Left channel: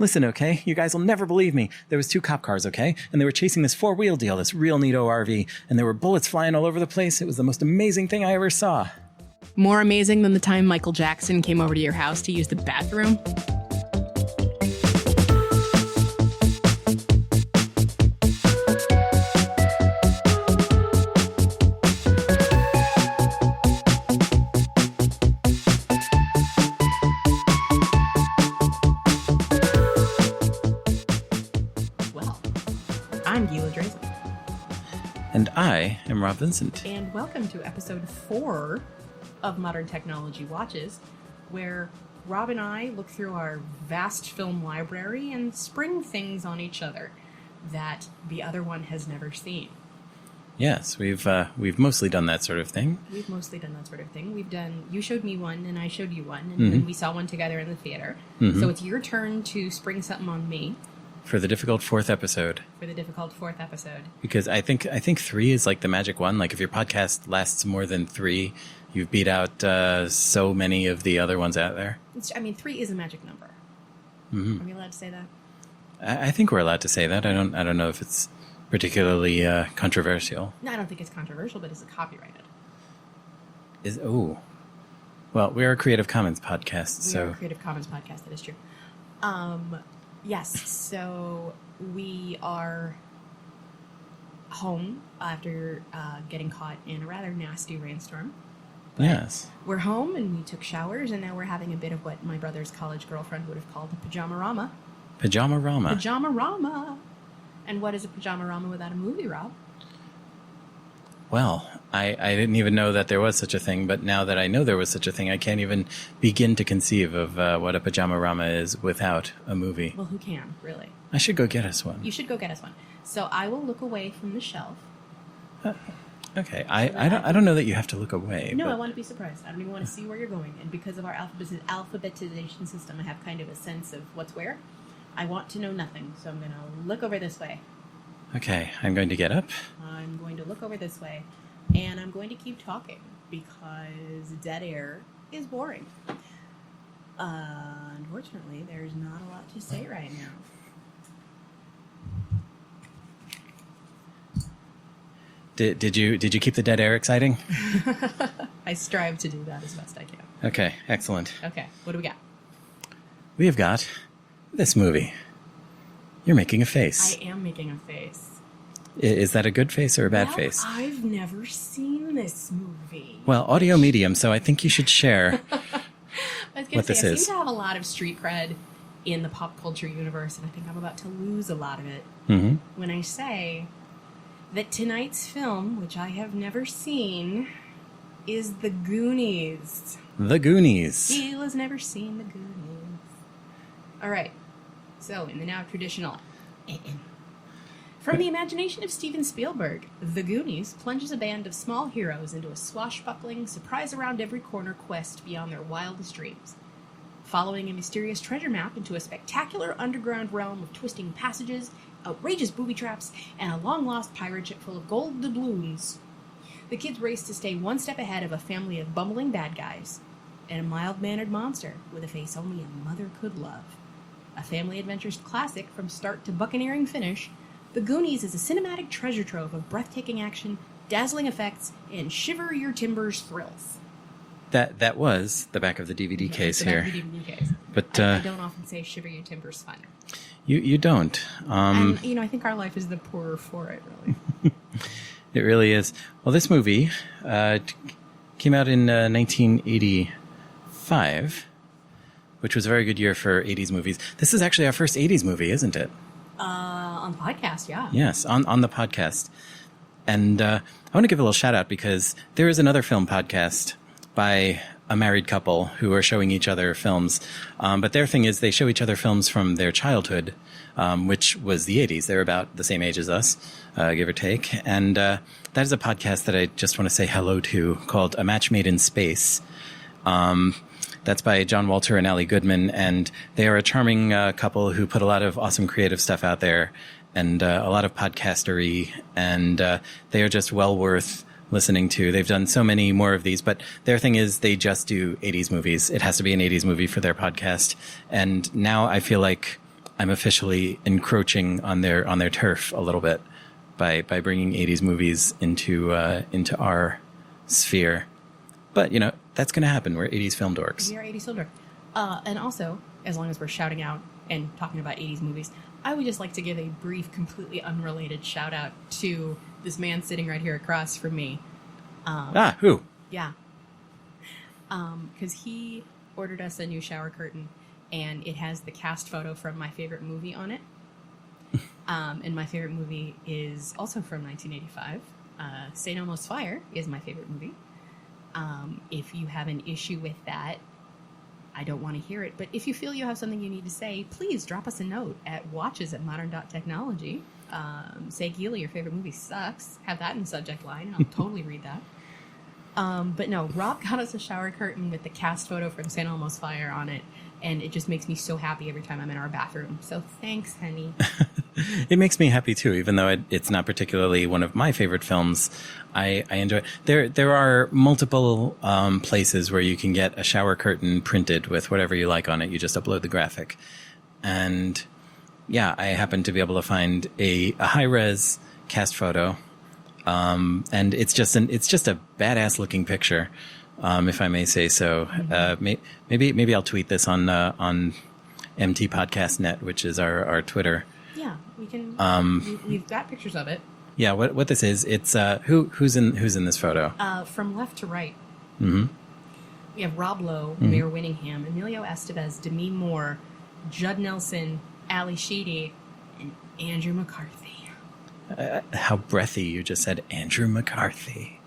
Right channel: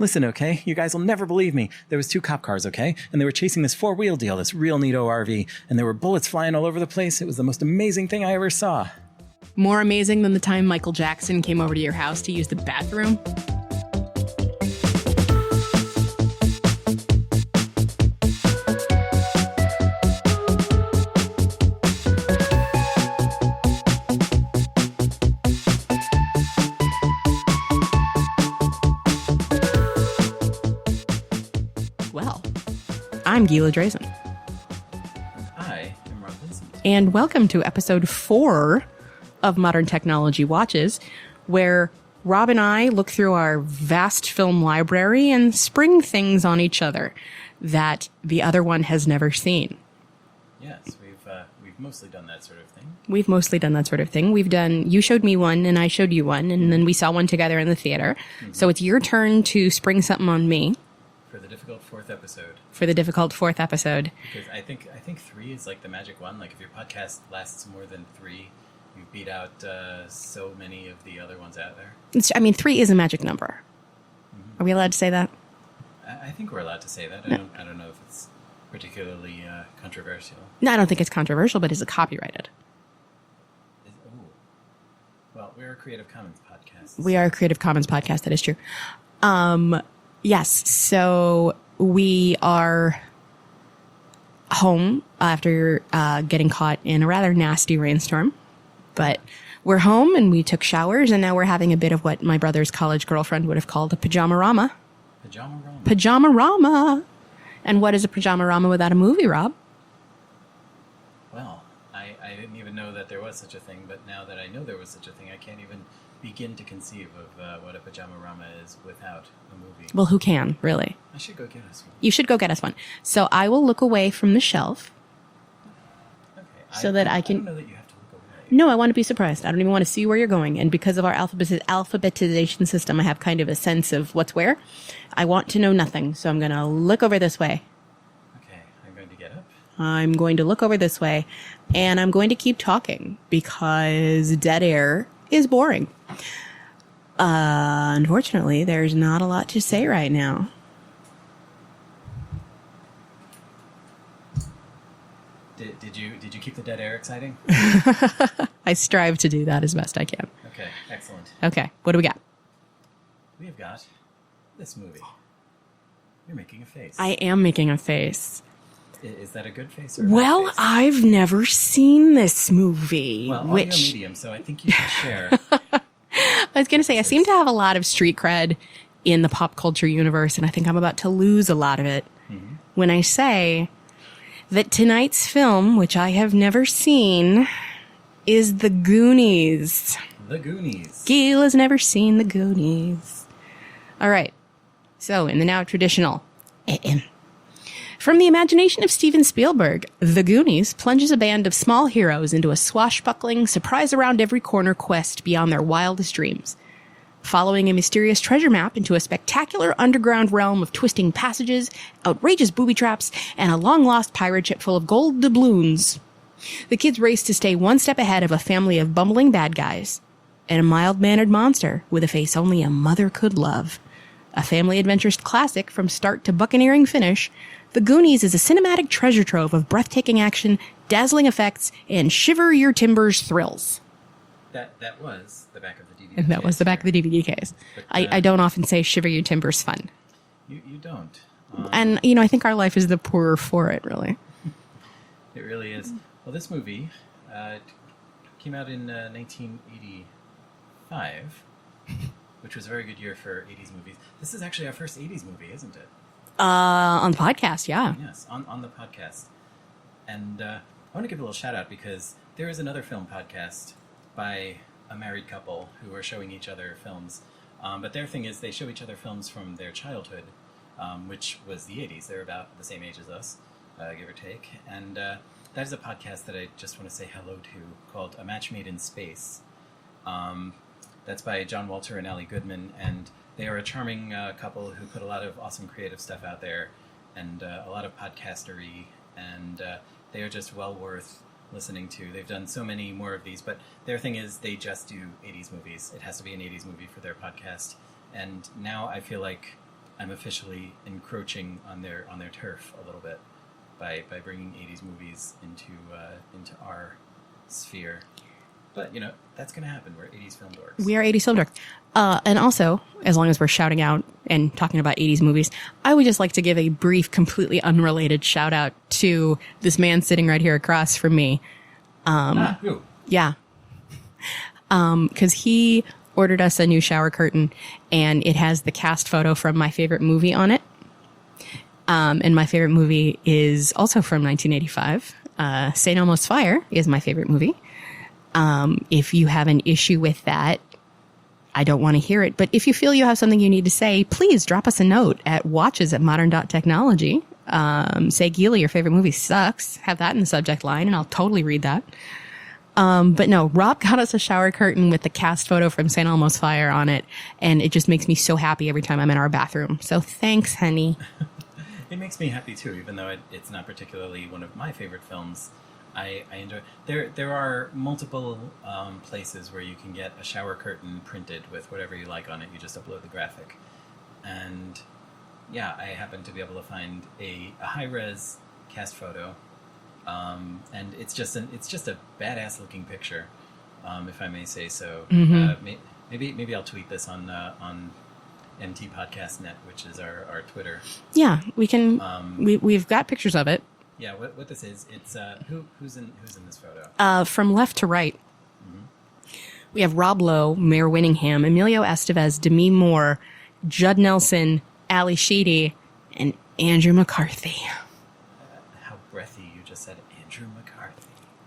Listen, okay? You guys will never believe me. There was 2 cop cars, okay? And they were chasing this 4-wheel deal, this real neato RV, and there were bullets flying all over the place. It was the most amazing thing I ever saw. More amazing than the time Michael Jackson came over to your house to use the bathroom? I'm Gila Drazen. And I am Rob Vincent. And welcome to episode 4 of Modern Technology Watches, where Rob and I look through our vast film library and spring things on each other that the other one has never seen. Yes, we've mostly done that sort of thing. We've done, you showed me one and I showed you one, and then we saw one together in the theater. So it's your turn to spring something on me. For the difficult 4th episode. Because I think 3 is like the magic one. Like if your podcast lasts more than 3, you've beat out so many of the other ones out there. 3 is a magic number. Are we allowed to say that? I think we're allowed to say that. I don't know if it's particularly controversial. No, I don't think it's controversial, but is it copyrighted? Well, we are a Creative Commons podcast. We are a Creative Commons podcast. That is true. Yes, so we are home after getting caught in a rather nasty rainstorm. But yes, we're home and we took showers, and now we're having a bit of what my brother's college girlfriend would have called a pajama-rama. Pajama-rama. Pajama-rama. And what is a pajama-rama without a movie, Rob? Well, I didn't even know that there was such a thing, but now that I know there was such a thing, I can't even begin to conceive of what a pajama-rama is without a movie. Well, who can, really? I should go get us one. You should go get us one. So I will look away from the shelf. Okay. I don't know that you have to look away. No, I want to be surprised. I don't even want to see where you're going. And because of our alphabetization system, I have kind of a sense of what's where. I want to know nothing, so I'm going to look over this way. Okay, I'm going to get up. I'm going to look over this way, and I'm going to keep talking because dead air is boring. Unfortunately, there's not a lot to say right now. Did you keep the dead air exciting? I strive to do that as best I can. Okay, excellent. Okay, what do we got? We have got this movie. You're making a face. I am making a face. Is that a good face or a bad face? Well, I've never seen this movie. Well, audio medium, so I think you should share. I was going to say, I seem to have a lot of street cred in the pop culture universe, and I think I'm about to lose a lot of it when I say that tonight's film, which I have never seen, is The Goonies. The Goonies. Gila's never seen The Goonies. All right. So, in the now traditional, from the imagination of Steven Spielberg, The Goonies plunges a band of small heroes into a swashbuckling, surprise-around-every-corner quest beyond their wildest dreams. Following a mysterious treasure map into a spectacular underground realm of twisting passages, outrageous booby traps, and a long-lost pirate ship full of gold doubloons, the kids race to stay one step ahead of a family of bumbling bad guys and a mild-mannered monster with a face only a mother could love. A family adventures classic from start to buccaneering finish, The Goonies is a cinematic treasure trove of breathtaking action, dazzling effects, and shiver-your-timbers thrills. That was the back of the DVD case. That was the back of the DVD case. But I don't often say shiver-your-timbers fun. You don't. And, I think our life is the poorer for it, really. It really is. Well, this movie came out in 1985. Which was a very good year for 80s movies. This is actually our first 80s movie, isn't it? On the podcast, yeah. Yes, on the podcast. And I want to give a little shout out because there is another film podcast by a married couple who are showing each other films. But their thing is they show each other films from their childhood, which was the 80s. They're about the same age as us, give or take. And that is a podcast that I just want to say hello to called A Match Made in Space. That's by John Walter and Allie Goodman, and they are a charming couple who put a lot of awesome creative stuff out there and a lot of podcastery, and they are just well worth listening to. They've done so many more of these, but their thing is they just do 80s movies. It has to be an 80s movie for their podcast. And now I feel like I'm officially encroaching on their turf a little bit by bringing 80s movies into our sphere. But, that's going to happen. We're 80s film dorks. We are 80s film dorks. And also, as long as we're shouting out and talking about 80s movies, I would just like to give a brief, completely unrelated shout out to this man sitting right here across from me. Who? Yeah. Because he ordered us a new shower curtain, and it has the cast photo from my favorite movie on it. And my favorite movie is also from 1985. St. Elmo's Fire is my favorite movie. If you have an issue with that, I don't want to hear it. But if you feel you have something you need to say, please drop us a note at watches@modern.technology. Say, Gila, your favorite movie sucks. Have that in the subject line, and I'll totally read that. But no, Rob got us a shower curtain with the cast photo from St. Elmo's Fire on it, and it just makes me so happy every time I'm in our bathroom. So thanks, honey. It makes me happy, too, even though it's not particularly one of my favorite films. I enjoy it. There are multiple places where you can get a shower curtain printed with whatever you like on it. You just upload the graphic. And yeah, I happen to be able to find a high-res cast photo. And it's just a badass looking picture, if I may say so. Mm-hmm. Maybe I'll tweet this on MT Podcast Net, which is our Twitter. Yeah, we can. We've got pictures of it. Yeah, what this is? It's who's in this photo? From left to right. Mm-hmm. We have Rob Lowe, Mayor Winningham, Emilio Estevez, Demi Moore, Judd Nelson, Ali Sheedy, and Andrew McCarthy. How breathy you just said Andrew McCarthy.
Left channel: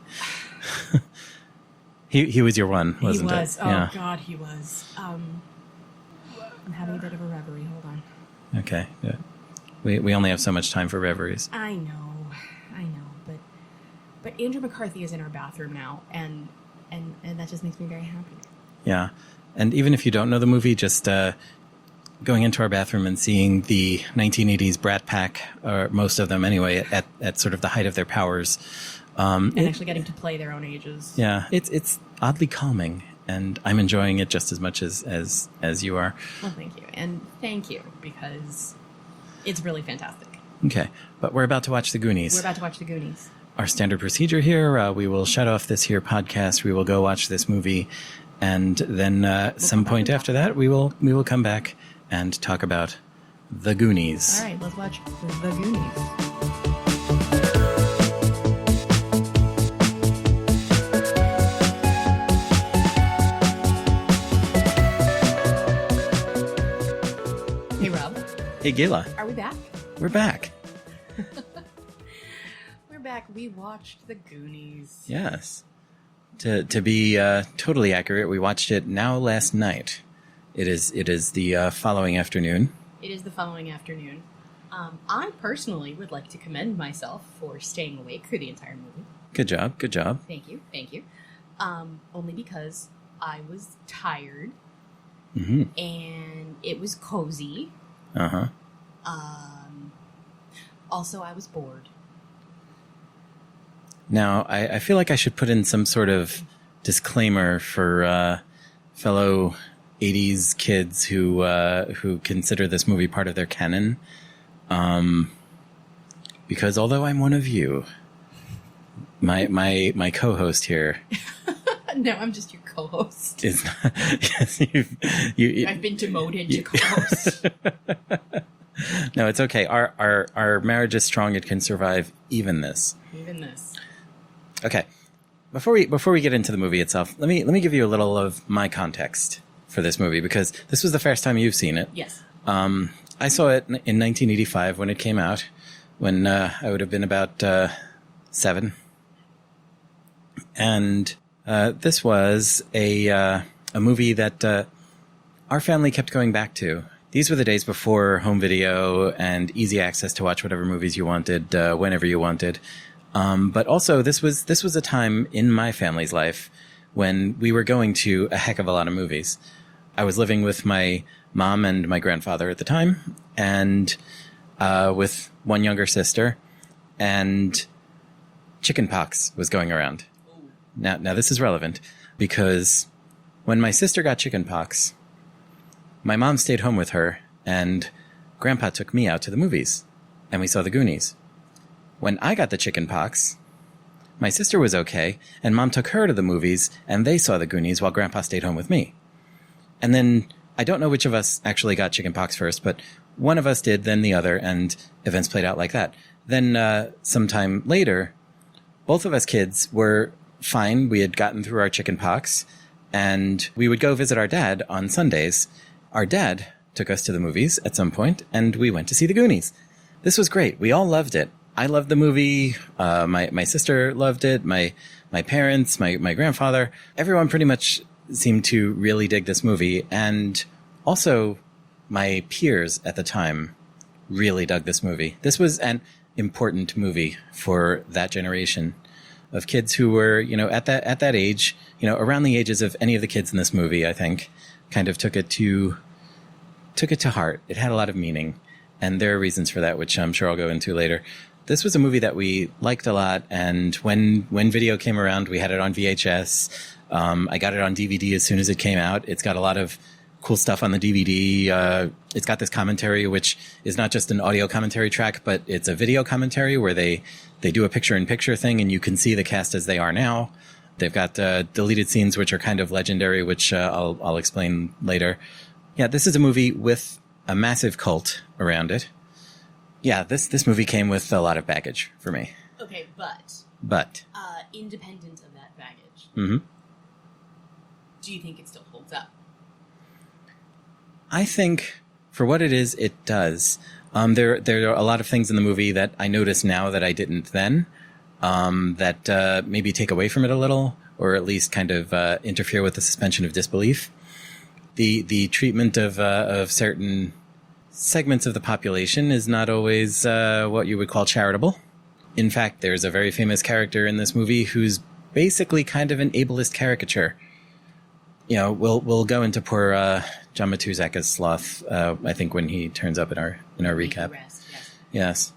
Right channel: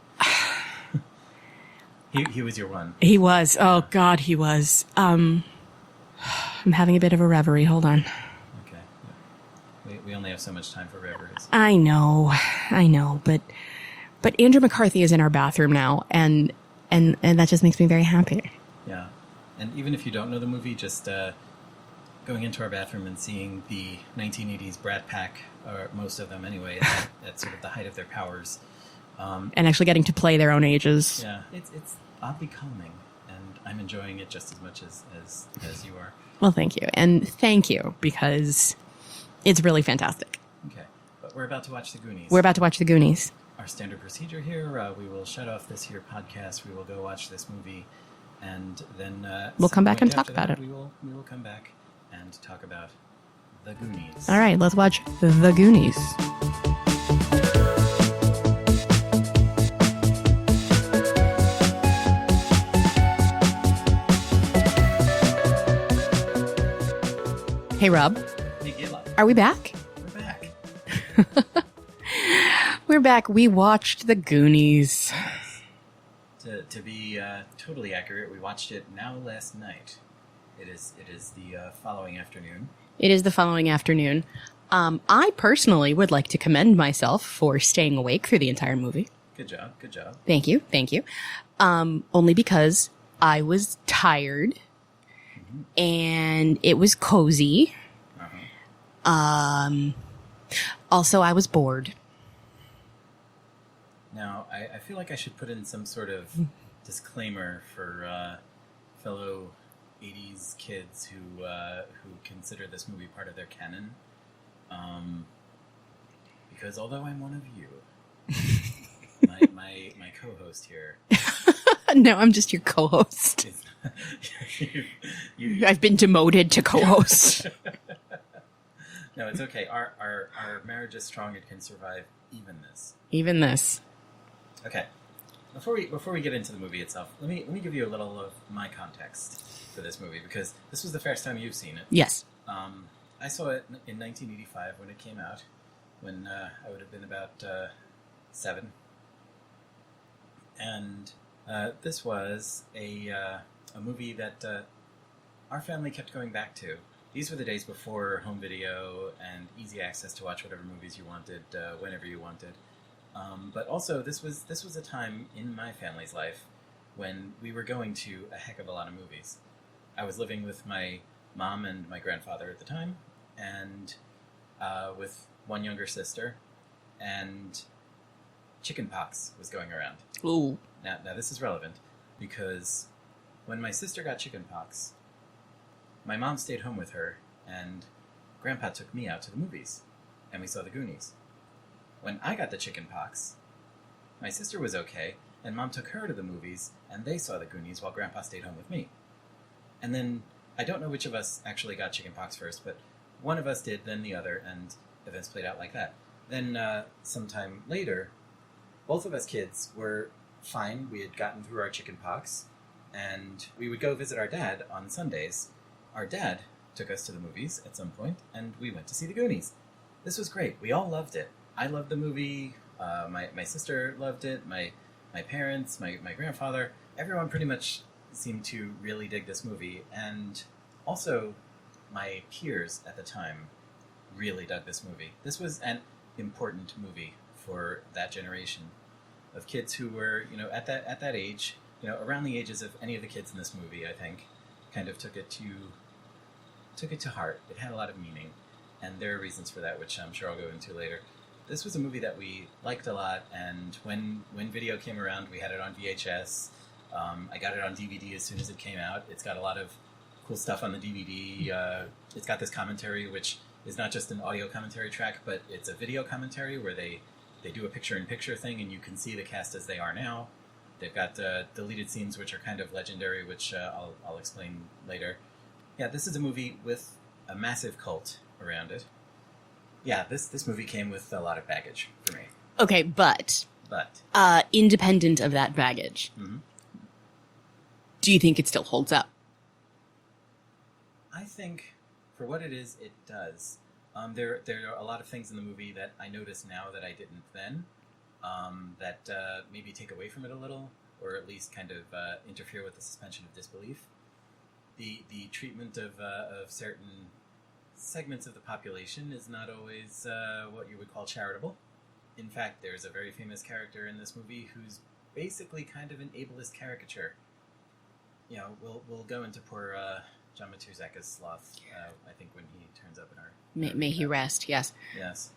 he was your one. He was. It? Oh, yeah. God, he was. I'm having a bit of a reverie. Hold on. Okay. Yeah. We only have so much time for reveries. I know. But Andrew McCarthy is in our bathroom now, and that just makes me very happy. Yeah. And even if you don't know the movie, just going into our bathroom and seeing the 1980s Brat Pack, or most of them anyway, at sort of the height of their powers. And actually getting to play their own ages. Yeah, it's oddly calming, and I'm enjoying it just as much as you are. Well, thank you. And thank you, because it's really fantastic. Okay, but we're about to watch The Goonies. We're about to watch The Goonies. Our standard procedure here, we will shut off this here podcast, we will go watch this movie, and then we'll some point after that, we will come back and talk about The Goonies. All right, let's watch The Goonies. Hey, Rob. Hey, Gila. Are we back? We're back. We're back. We watched The Goonies. Yes. To be totally accurate, we watched it last night. It is the following afternoon. It is the following afternoon. I personally would like to commend myself for staying awake through the entire movie. Good job. Thank you. Only because I was tired, and it was cozy. Also, I was bored. Now, I feel like I should put in some sort of disclaimer for fellow 80s kids who consider this movie part of their canon. Because although I'm one of you, my co-host here... No, I'm just your co-host. Is not, I've been demoted to co-host. No, it's okay. Our marriage is strong. It can survive even this. Okay. Before we get into the movie itself, let me give you a little of my context for this movie, because this was the first time you've seen it. Yes. I saw it in 1985 when it came out, when I would have been about 7. And this was a movie that our family kept going back to. These were the days before home video and easy access to watch whatever movies you wanted, whenever you wanted. But also, this was a time in my family's life when we were going to a heck of a lot of movies. I was living with my mom and my grandfather at the time, and with one younger sister, and chickenpox was going around. Ooh. Now this is relevant, because when my sister got chickenpox, my mom stayed home with her and Grandpa took me out to the movies, and we saw the Goonies. When I got the chicken pox, my sister was okay, and Mom took her to the movies, and they saw the Goonies while Grandpa stayed home with me. And then, I don't know which of us actually got chicken pox first, but one of us did, then the other, and events played out like that. Then, sometime later, both of us kids were fine. We had gotten through our chicken pox, and we would go visit our dad on Sundays. Our dad took us to the movies at some point, and we went to see the Goonies. This was great. We all loved it. I loved the movie. My sister loved it. My parents, my grandfather, everyone pretty much seemed to really dig this movie. And also, my peers at the time really dug this movie. This was an important movie for that generation of kids who were, at that age, around the ages of any of the kids in this movie, I think, kind of took it to heart. It had a lot of meaning, and there are reasons for that, which I'm sure I'll go into later. This was a movie that we liked a lot, and when video came around, we had it on VHS. I got it on DVD as soon as it came out. It's got a lot of cool stuff on the DVD. It's got this commentary, which is not just an audio commentary track, but it's a video commentary where they do a picture-in-picture thing, and you can see the cast as they are now. They've got deleted scenes, which are kind of legendary, which I'll explain later. Yeah, this is a movie with a massive cult around it. Yeah, this movie came with a lot of baggage for me. Okay, but independent of that baggage, mm-hmm. Do you think it still holds up? I think, for what it is, it does. There are a lot of things in the movie that I notice now that I didn't then, that maybe take away from it a little, or at least kind of interfere with the suspension of disbelief. The treatment of certain segments of the population is not always what you would call charitable. In fact, there's a very famous character in this movie who's basically kind of an ableist caricature. We'll go into poor John Matuzak as Sloth, I think, when he turns up in our recap. May he rest, yes. Yes.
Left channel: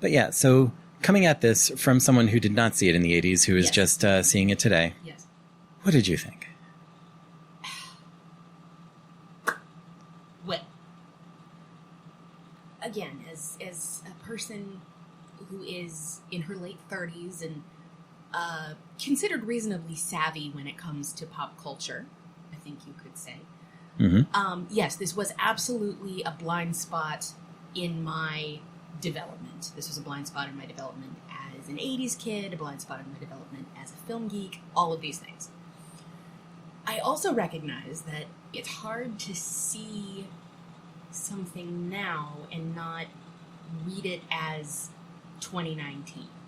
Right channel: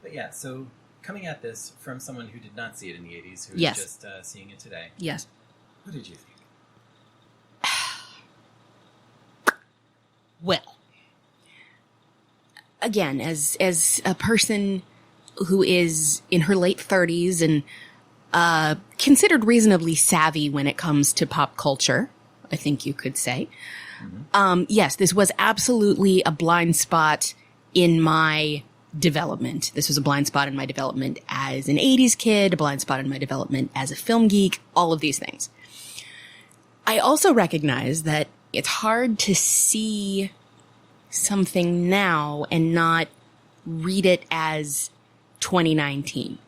But yeah, so coming at this from someone who did not see it in the 80s, who is yes. just seeing it today. Yes. What did you think? Well, again, as a person who is in her late 30s and considered reasonably savvy when it comes to pop culture, I think you could say. Mm-hmm. Yes, this was absolutely a blind spot in my development. This was a blind spot in my development as an 80s kid, a blind spot in my development as a film geek, all of these things. I also recognize that it's hard to see something now and not read it as 2019.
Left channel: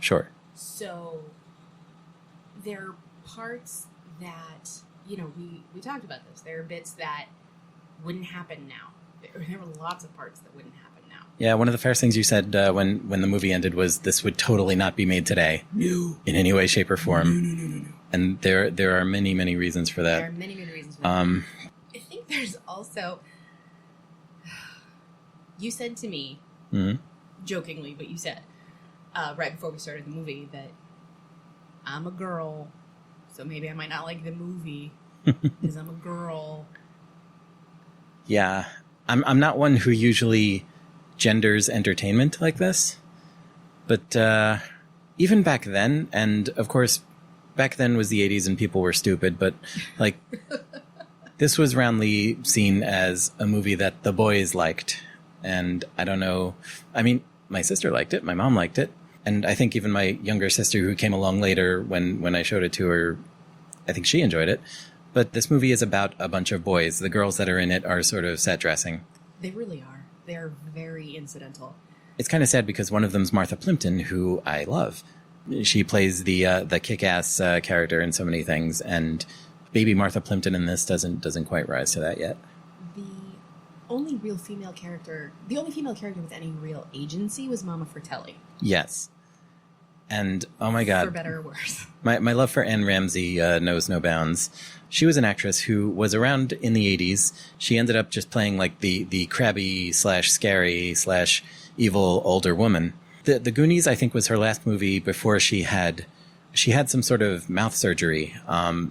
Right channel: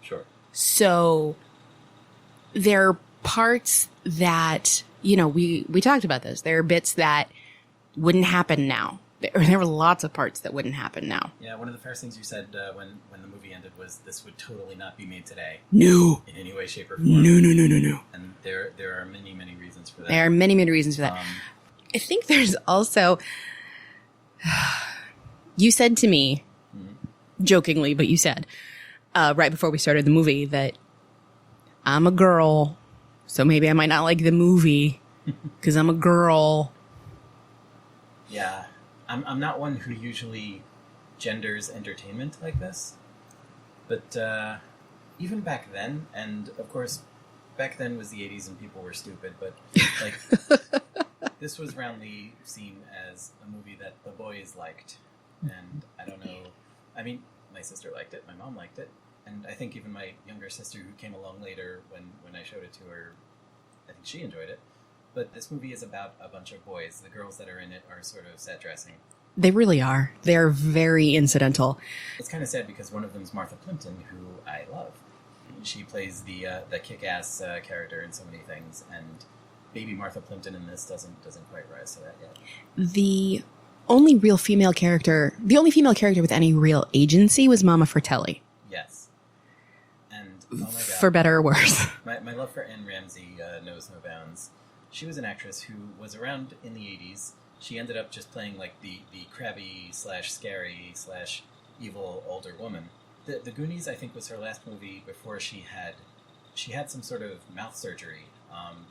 Sure. So there are parts that, we talked about this. There are bits that wouldn't happen now. There were lots of parts that wouldn't happen now. Yeah, one of the first things you said when the movie ended was this would totally not be made today. No. In any way, shape, or form. No. And there are many, many reasons for that. There are many, many reasons for that. I think there's also... You said to me, mm-hmm. jokingly, but you said, right before we started the movie, that I'm a girl, so maybe I might not like the movie because I'm a girl. Yeah. I'm not one who usually genders entertainment like this, but even back then, and of course, back then was the 80s and people were stupid, but like this was roundly seen as a movie that the boys liked, and I don't know. I mean, my sister liked it, my mom liked it, and I think even my younger sister, who came along later when I showed it to her, I think she enjoyed it. But this movie is about a bunch of boys. The girls that are in it are sort of set dressing. They really are. They're very incidental. It's kind of sad because one of them's Martha Plimpton, who I love. She plays the kick-ass character in so many things, and baby Martha Plimpton in this doesn't quite rise to that yet. The only female character with any real agency was Mama Fratelli. Yes. And, oh my God. For better or worse. My love for Anne Ramsey knows no bounds. She was an actress who was around in the 80s. She ended up just playing like the crabby / scary / evil older woman. The Goonies, I think, was her last movie before she had some sort of mouth surgery.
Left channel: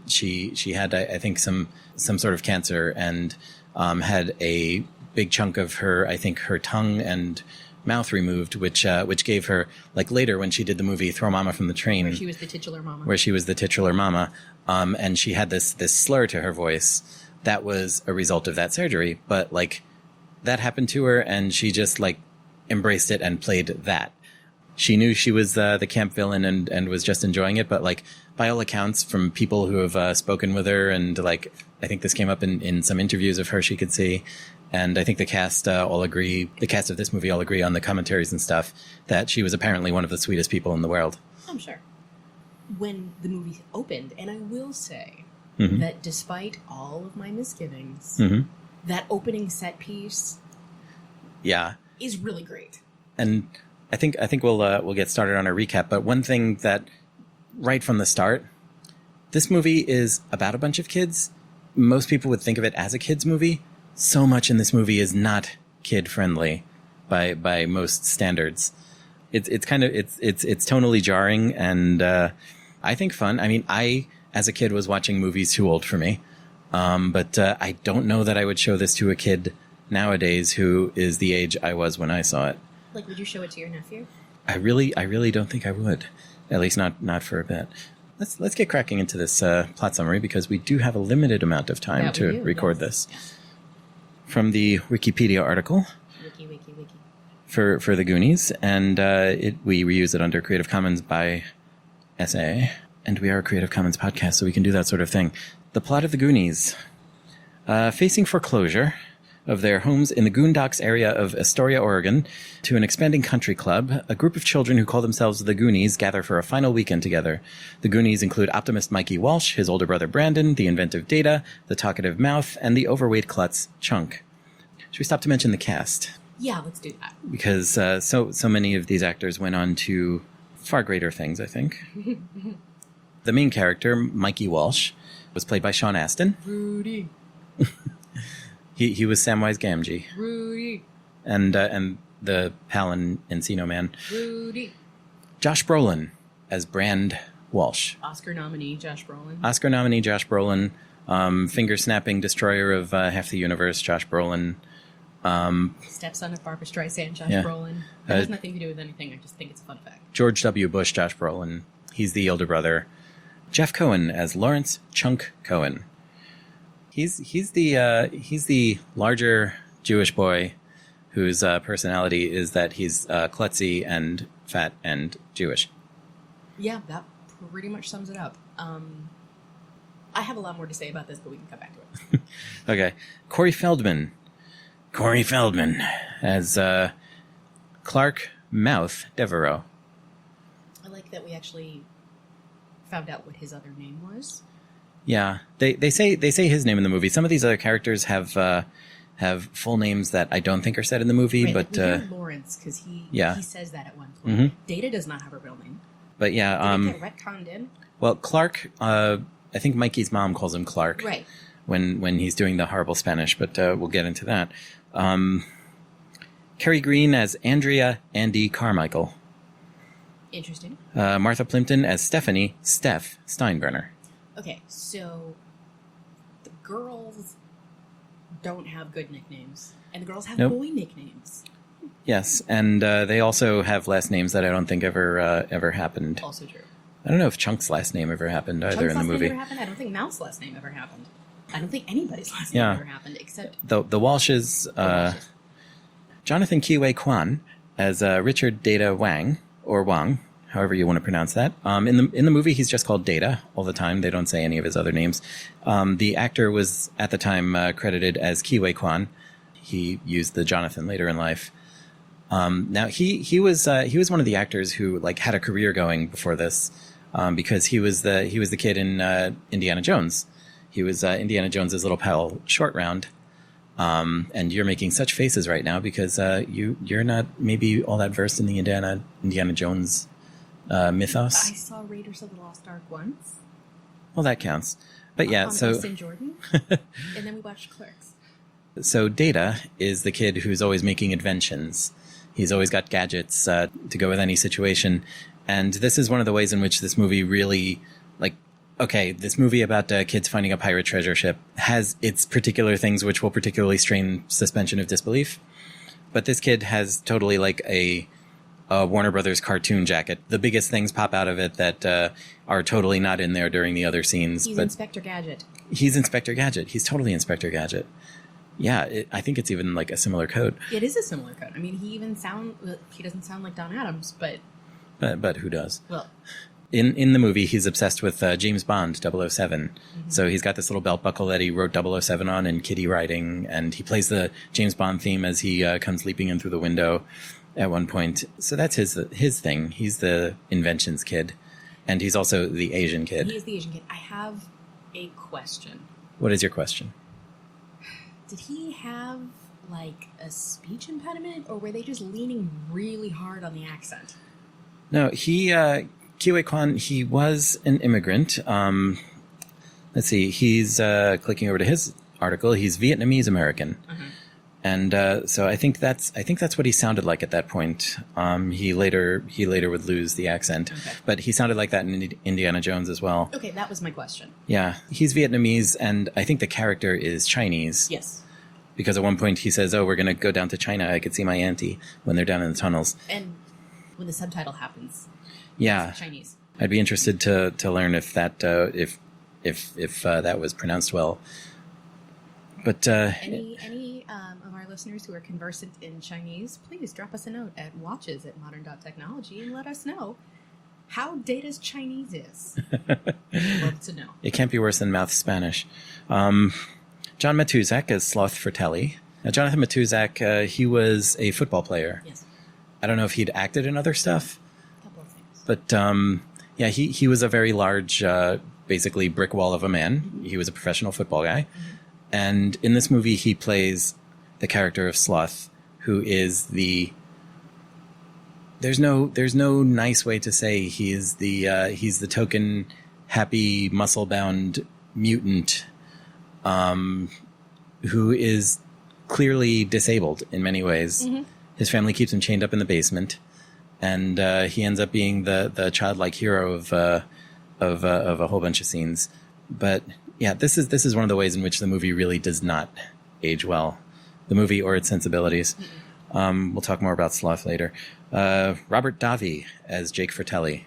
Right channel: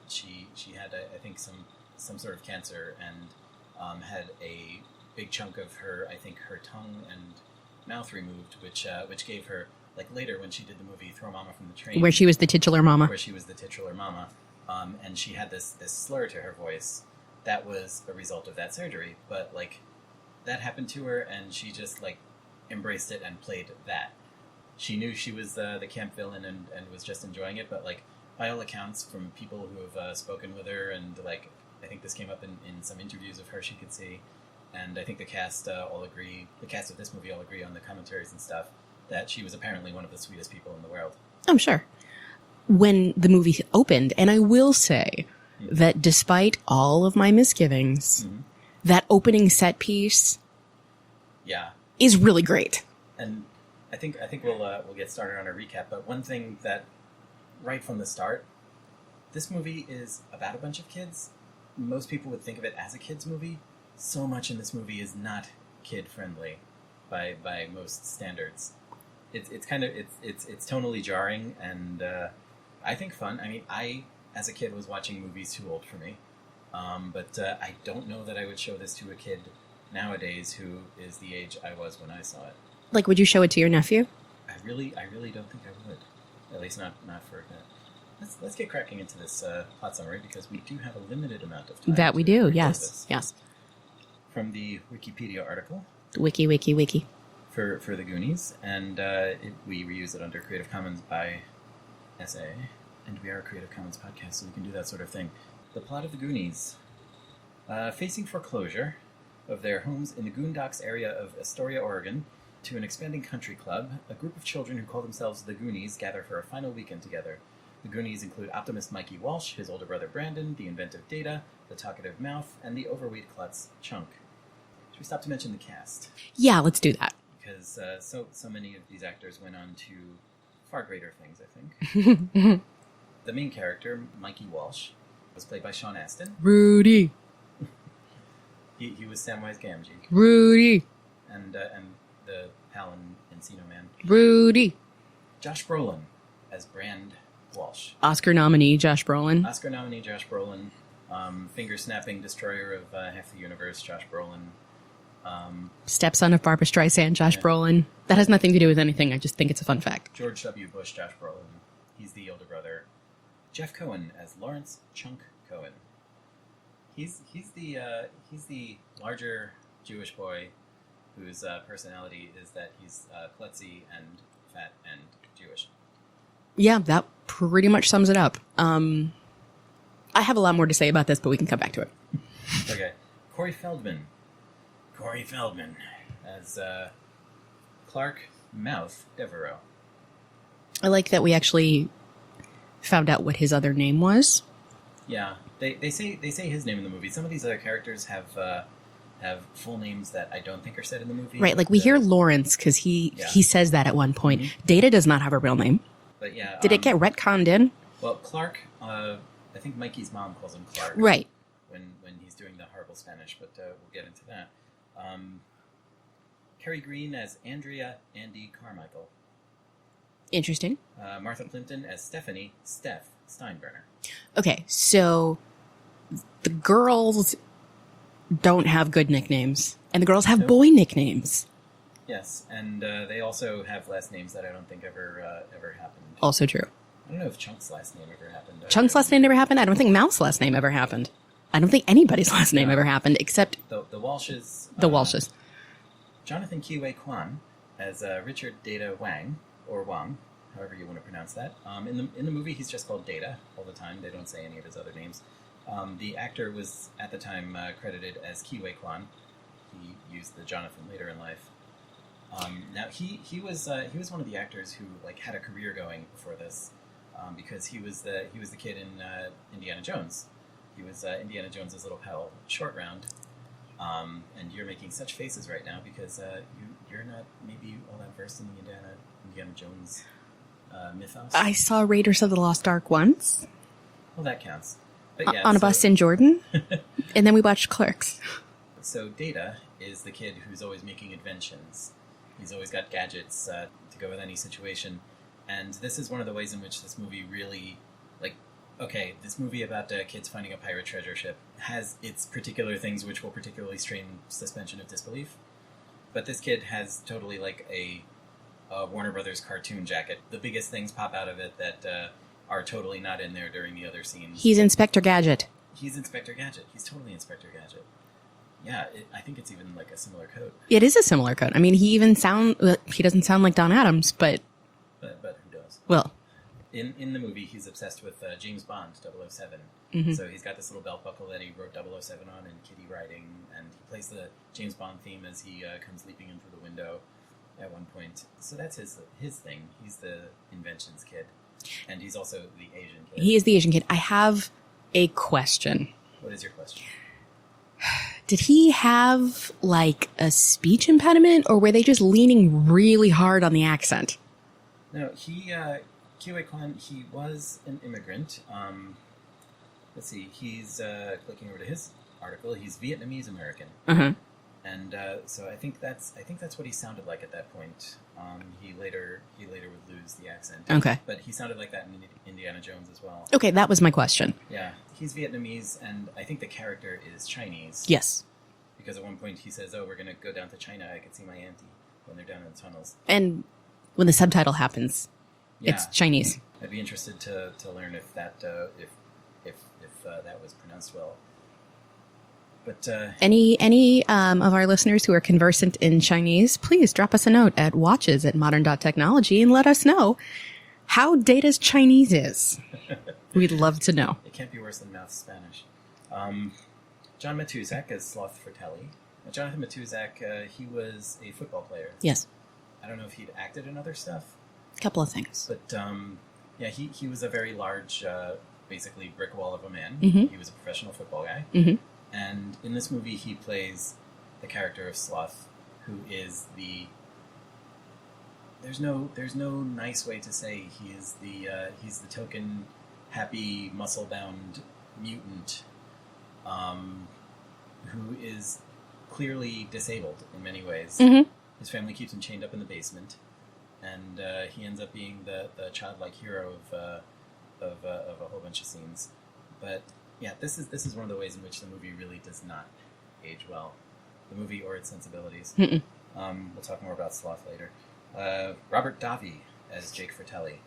She had, I think, some sort of cancer and had a big chunk of her, I think, her tongue and mouth removed, which gave her, like later when she did the movie Throw Mama from the Train, Where she was the titular mama. And she had this slur to her voice. That was a result of that surgery, but like that happened to her, and she just like embraced it and played that. She knew she was the camp villain and was just enjoying it, but like by all accounts from people who have spoken with her, and like I think this came up in some interviews of her she could see, and I think the cast the cast of this movie all agree on the commentaries and stuff, that she was apparently one of the sweetest people in the world. I'm sure. When the movie opened, and I will say that despite all of my misgivings, that opening set piece is really great. And I think we'll get started on a recap, but one thing that right from the start, this movie is about a bunch of kids. Most people would think of it as a kids movie. So much in this movie is not kid friendly by most standards. It's tonally jarring and I think fun. I mean, I as a kid was watching movies too old for me, but I don't know that I would show this to a kid nowadays who is the age I was when I saw it. Like, would you show it to your nephew? I really don't think I would. At least not for a bit. Let's get cracking into this plot summary, because we do have a limited amount of time to record this. Yes. From the Wikipedia article. Wiki. For the Goonies, and we reuse it under Creative Commons by SA, and we are a Creative Commons podcast, so we can do that sort of thing. The plot of the Goonies. Facing foreclosure of their homes in the Goondocks area of Astoria, Oregon, to an expanding country club, a group of children who call themselves the Goonies gather for a final weekend together. The Goonies include optimist Mikey Walsh, his older brother Brandon, the inventive Data, the talkative Mouth, and the overweight klutz Chunk. Should we stop to mention the cast? Yeah, let's do that. Because so many of these actors went on to far greater things, I think. The main character, Mikey Walsh, was played by Sean Astin. Rudy. He was Samwise Gamgee. Rudy. And the pal and Encino Man. Rudy. Josh Brolin as Brand Walsh. Oscar nominee Josh Brolin. Finger-snapping destroyer of half the universe, Josh Brolin. Stepson of Barbra Streisand, Josh Brolin. That has nothing to do with anything. I just think it's a fun fact. George W. Bush, Josh Brolin. He's the older brother. Jeff Cohen as Lawrence Chunk Cohen. He's the larger Jewish boy whose personality is that he's klutzy and fat and Jewish. Yeah, that pretty much sums it up. I have a lot more to say about this, but we can come back to it. Okay. Corey Feldman as Clark Mouth Devereaux. I like that we actually found out what his other name was. Yeah, they say his name in the movie. Some of these other characters have full names that I don't think are said in the movie. Right, but, like we hear Lawrence because he says that at one point. Mm-hmm. Data does not have a real name. But yeah, did it get retconned in? Well, Clark. I think Mikey's mom calls him Clark. Right. When he's doing the horrible Spanish, but we'll get into that. Kerry Green as Andrea Andy Carmichael. Interesting. Martha Plimpton as Stephanie Steph Steinbrenner. Okay, so the girls don't have good nicknames, and the girls have boy nicknames. Yes, and they also have last names that I don't think ever happened. Also true. I don't know if Chunk's last name ever happened. Chunk's last name never happened. I don't think Mouth's last name ever happened. I don't think anybody's last name ever happened except the Walshes. The Walshes. Jonathan Kiwei Kwan as Richard Data Wang, or Wang, however you want to pronounce that. In the movie, he's just called Data all the time. They don't say any of his other names. The actor was at the time credited as Kiwei Kwan. He used the Jonathan later in life. Now he was one of the actors who like had a career going before this, because he was the kid in Indiana Jones. He was Indiana Jones's little pal Short Round. And you're making such faces right now because you're not maybe all that versed in the Indiana Jones mythos. I saw Raiders of the Lost Ark once. Well, that counts. But yeah, on a bus in Jordan, and then we watched Clerks. So Data is the kid who's always making inventions. He's always got gadgets to go with any situation, and this is one of the ways in which this movie really like okay, this movie about kids finding a pirate treasure ship has its particular things which will particularly strain suspension of disbelief. But this kid has totally like a Warner Brothers cartoon jacket. The biggest things pop out of it that are totally not in there during the other scenes. He's Inspector Gadget. He's Inspector Gadget. He's totally Inspector Gadget. Yeah, I think it's even like a similar coat. It is a similar coat. I mean, he doesn't sound like Don Adams, but who does? Well, in the movie, he's obsessed with James Bond 007. So he's got this little belt buckle that he wrote 007 on in Kitty Riding, and he plays the James Bond theme as he comes leaping in through the window at one point. So that's his thing. He's the inventions kid, and he's also the Asian kid. he is the Asian kid. I have a question. What is your question? Did he have like a speech impediment, or were they just leaning really hard on the accent? No, Kiwi Kwan, he was an immigrant. Let's see, he's clicking over to his article. He's Vietnamese American, and so I think that's what he sounded like at that point. He later would lose the accent. Okay, but he sounded like that in Indiana Jones as well. Okay, that was my question. Yeah, he's Vietnamese, and I think the character is Chinese. Yes, because at one point he says, "Oh, we're going to go down to China. I could see my auntie," when they're down in the tunnels. And when the subtitle happens, yeah, it's Chinese. I'd be interested to learn if that if that was pronounced well. But any of our listeners who are conversant in Chinese, please drop us a note at watches@modern.technology and let us know how Data's Chinese is. We'd love to know. It can't be worse than mouth Spanish. John Matuzak as Sloth Fratelli. Now, Jonathan Matuzak, he was a football player. Yes. I don't know if he'd acted in other stuff. A couple of things. But yeah, he was a very large, basically brick wall of a man. He was a professional football guy. And in this movie, he plays the character of Sloth, who is there's no nice way to say he's the token happy muscle bound mutant, who is clearly disabled in many ways. His family keeps him chained up in the basement, and he ends up being the childlike hero of a whole bunch of scenes. But yeah, this is one of the ways in which the movie really does not age well, the movie or its sensibilities. We'll talk more about Sloth later. Robert Davi as Jake Fratelli.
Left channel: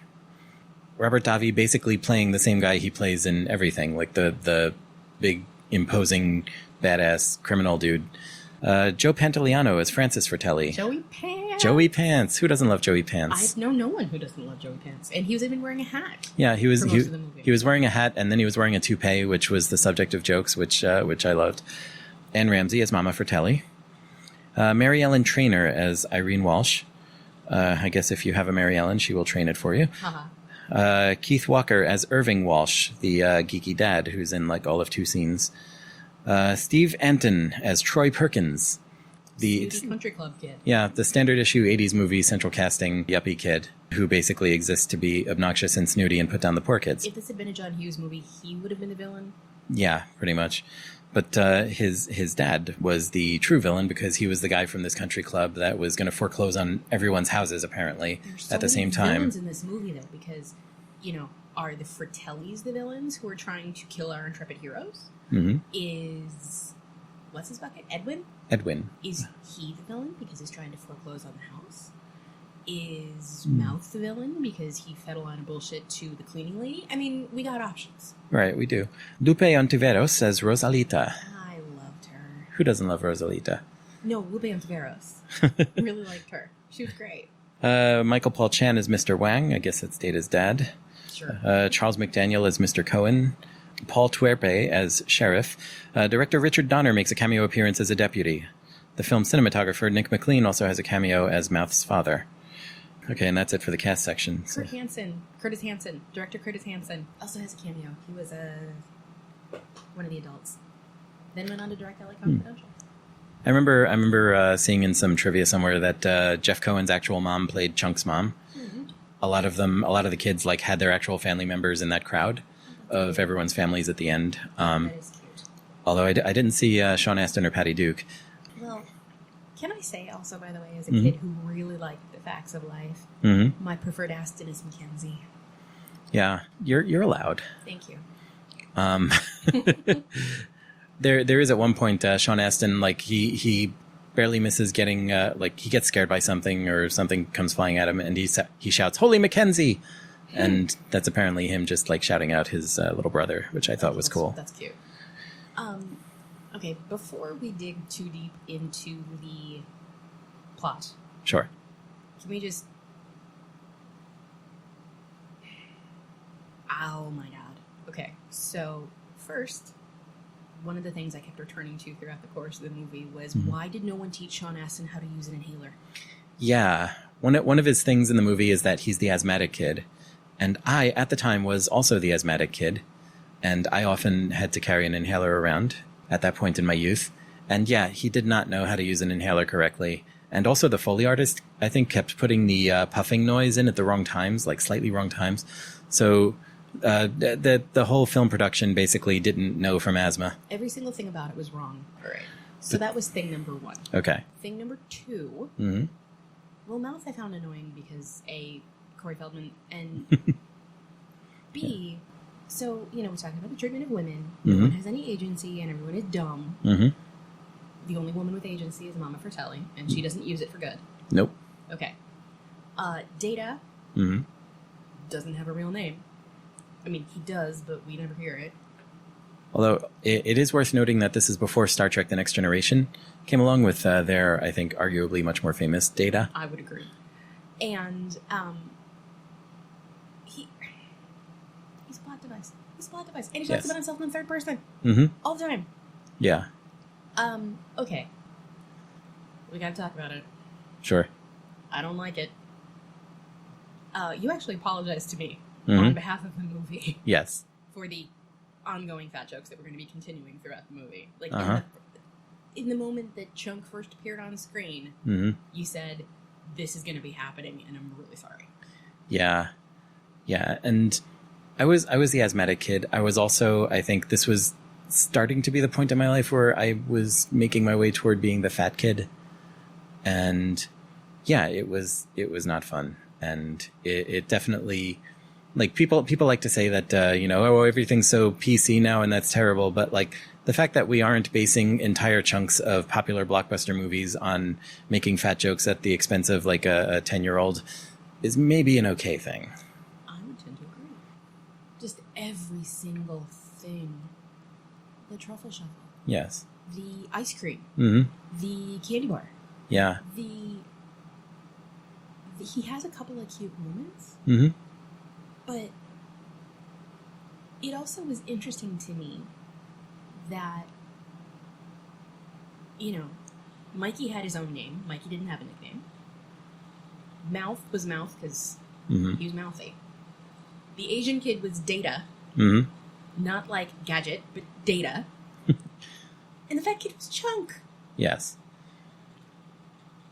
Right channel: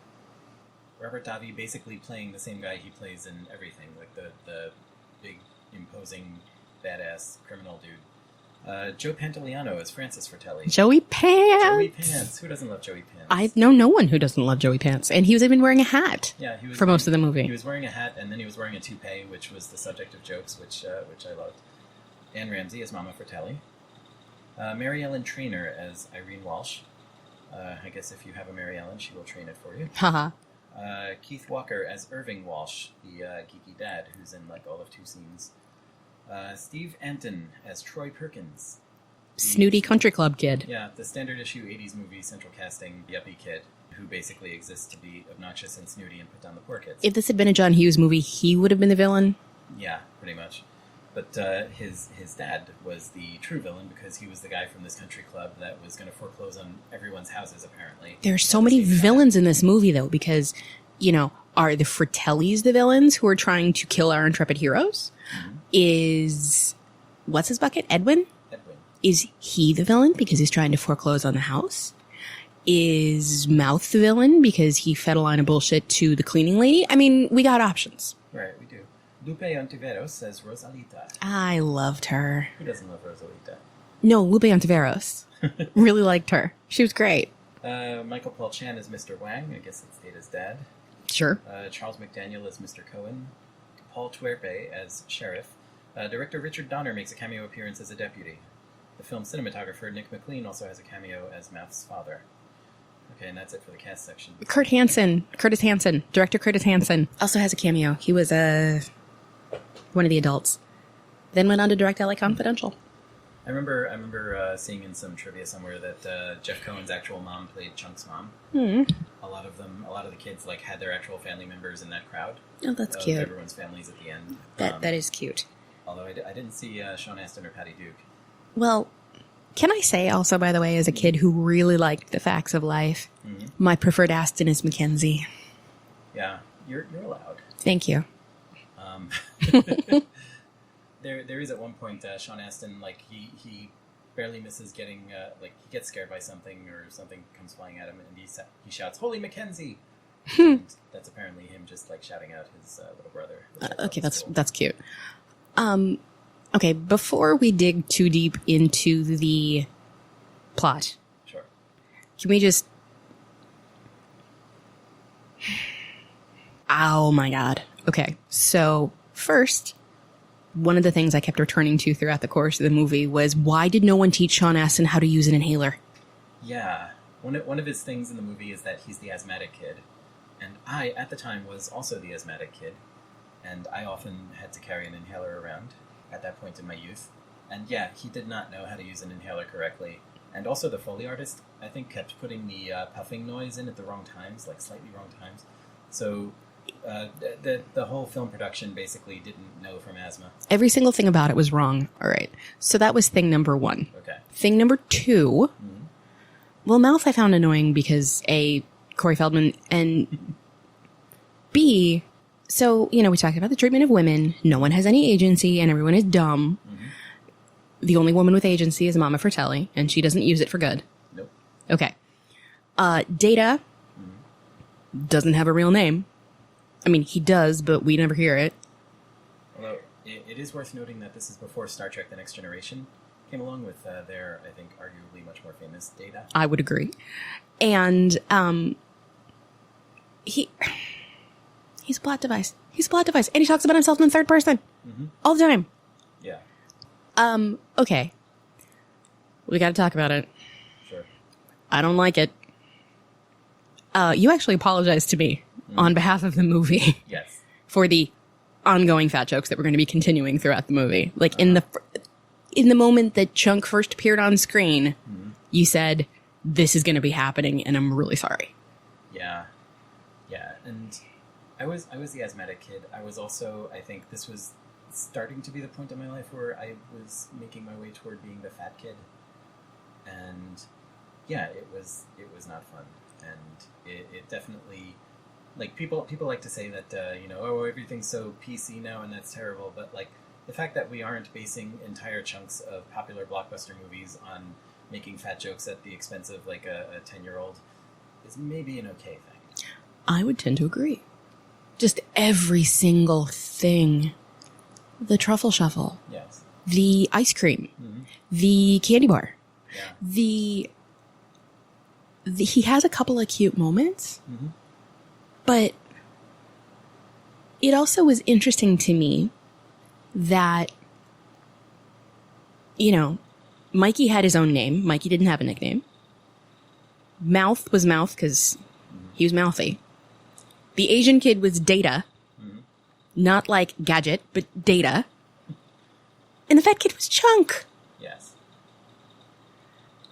Robert Davi basically playing the same guy he plays in everything, like the big, imposing, badass criminal dude. Joe Pantoliano as Francis Fratelli. Joey Pants. Joey Pants. Who doesn't love Joey Pants? I know no one who doesn't love Joey Pants. And he was even wearing a hat. Yeah, he was for most of the movie. He was wearing a hat, and then he was wearing a toupee, which was the subject of jokes, which I loved. Anne Ramsey as Mama Fratelli. Mary Ellen Trainor as Irene Walsh. I guess if you have a Mary Ellen, she will train it for you. Haha. Keith Walker as Irving Walsh, the geeky dad who's in like all of 2 scenes. Steve Anton as Troy Perkins. The snooty country club kid. Yeah, the standard issue 80s movie central casting yuppie kid who basically exists to be obnoxious and snooty and put down the poor kids. If this had been a John Hughes movie, he would have been the villain. Yeah, pretty much. But his dad was the true villain because he was the guy from this country club that was going to foreclose on everyone's houses, apparently. There's so many villains in this movie, though, because, are the Fratellis the villains who are trying to kill our intrepid heroes? Is, what's his bucket? Edwin? Is he the villain because he's trying to foreclose on the house? Is Mouth the villain because he fed a line of bullshit to the cleaning lady? I mean, we got options. Right, we do. Lupe Ontiveros says Rosalita. I loved her. Who doesn't love Rosalita? No, Lupe Ontiveros. Really liked her. She was great. Michael Paul Chan is Mr. Wang. I guess that's Data's dad. Sure. Charles McDaniel as Mr. Cohen. Paul Tuerpe as Sheriff. Director Richard Donner makes a cameo appearance as a deputy. The film's cinematographer, Nick McLean, also has a cameo as Mouth's father. Okay, and that's it for the cast section. Curtis Hanson, director Curtis Hanson, also has a cameo. He was one of the adults. Then went on to direct LA Confidential. I remember seeing in some trivia somewhere that Jeff Cohen's actual mom played Chunk's mom. A lot of the kids had their actual family members in that crowd. Oh, that's of cute. Everyone's families at the end. That is cute. Although I didn't see Sean Astin or Patty Duke. Well, can I say also, by the way, as a kid who really liked the facts of life, my preferred Astin is Mackenzie. Yeah, you're allowed. Thank you. There is at one point Sean Astin, like he barely misses getting like he gets scared by something or something comes flying at him and he shouts, "Holy Mackenzie!" And that's apparently him just like shouting out his little brother, which I thought was cool. That's cute. Okay, before we dig too deep into the plot, Sure. can we just... Oh my god. Okay, so first, one of the things I kept returning to throughout the course of the movie was, why did no one teach Sean Astin how to use an inhaler? Yeah. One of his things in the movie is that he's the asthmatic kid. And I, at the time, was also the asthmatic kid. And I often had to carry an inhaler around at that point in my youth. And yeah, he did not know how to use an inhaler correctly. And also the Foley artist, I think, kept putting the puffing noise in at the wrong times, like slightly wrong times. So the whole film production basically didn't know from asthma. Every single thing about it was wrong. All right. So that was thing number one. Okay. Thing number two, well, mouth I found annoying because A, Corey Feldman, and B, so, you know, we talked about the treatment of women. No one has any agency and everyone is dumb. The only woman with agency is Mama Fratelli, and she doesn't use it for good. Nope. Okay. Data doesn't have a real name. I mean, he does, but we never hear it. Although it is worth noting that this is before Star Trek The Next Generation came along with their, I think, arguably much more famous Data. I would agree. And he's a plot device. He's a plot device. And he talks about himself in the third person. All the time. Yeah. Okay. We got to talk about it. Sure. I don't like it. You actually apologized to me on behalf of the movie. Yes. For the ongoing fat jokes that we're going to be continuing throughout the movie. Like in the moment that Chunk first appeared on screen, you said, "This is going to be happening," and I'm really sorry. Yeah. Yeah. And I was the asthmatic kid. I was also, I think this was starting to be the point in my life where I was making my way toward being the fat kid. And yeah, it was not fun. And it definitely, like, people like to say that, you know, oh, everything's so PC now and that's terrible. But like the fact that we aren't basing entire chunks of popular blockbuster movies on making fat jokes at the expense of like a 10-year-old is maybe an okay thing. I would tend to agree. Just every single thing. The truffle shuffle. Yes. The ice cream. The candy bar. Yeah. The he has a couple of cute moments. But it also was interesting to me that, you know, Mikey had his own name. Mikey didn't have a nickname. Mouth was Mouth because he was mouthy. The Asian kid was Data. Not like Gadget, but Data. And the fat kid was Chunk. Yes.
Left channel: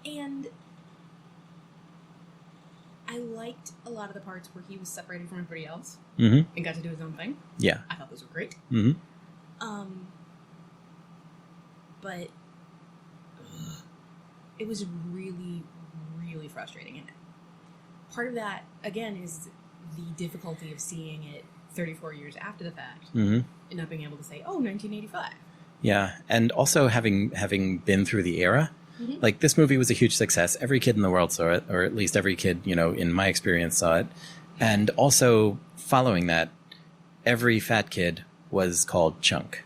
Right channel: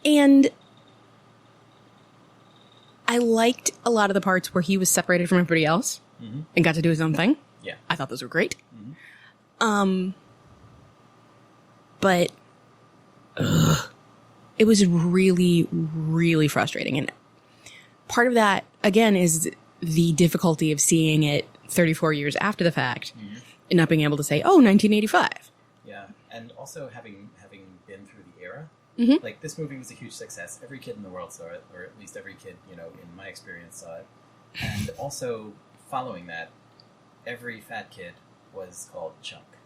And I liked a lot of the parts where he was separated from everybody else and got to do his own thing. Yeah. I thought those were great. But it was really, really frustrating. And part of that, again, is the difficulty of seeing it 34 years after the fact and not being able to say, oh, 1985. Yeah. And also having been through the era, like this movie was a huge success. Every kid in the world saw it, or at least every kid, you know, in my experience saw it. And also following that, every fat kid was called Chunk.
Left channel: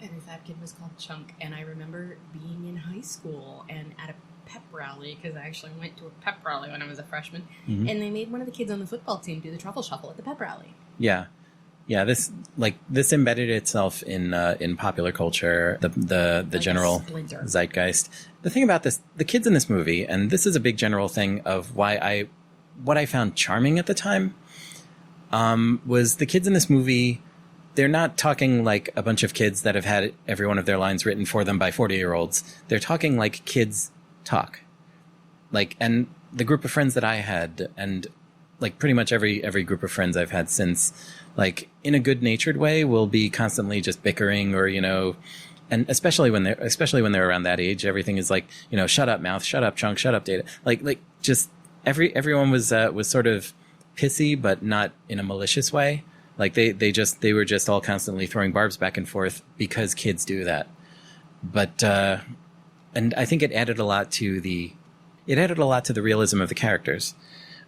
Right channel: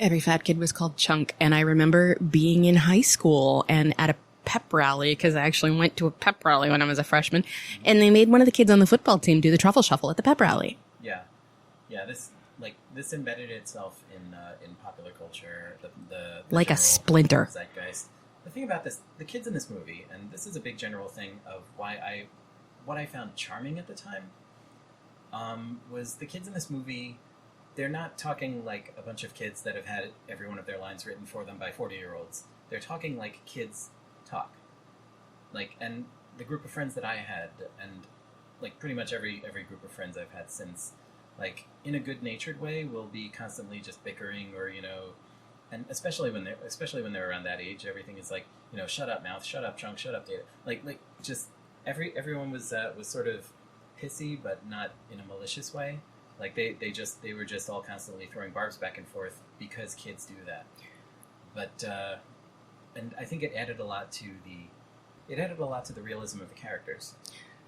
Every fat kid was called Chunk. And I remember being in high school and at a pep rally, because I actually went to a pep rally when I was a freshman, and they made one of the kids on the football team do the truffle shuffle at the pep rally. Yeah. Yeah, this embedded itself in popular culture, the like general a splinter zeitgeist. The thing about this, the kids in this movie, and this is a big general thing of what I found charming at the time, was the kids in this movie. They're not talking like a bunch of kids that have had every one of their lines written for them by 40-year-olds. They're talking like kids talk. Like, and the group of friends that I had, and like pretty much every group of friends I've had since, like in a good-natured way, will be constantly just bickering, or, you know, and especially when they're around that age, everything is like, you know, shut up, Mouth, shut up, Chunk, shut up, Data. Like just everyone was sort of pissy, but not in a malicious way. Like they were just all constantly throwing barbs back and forth because kids do that. But and I think it added a lot to the realism of the characters.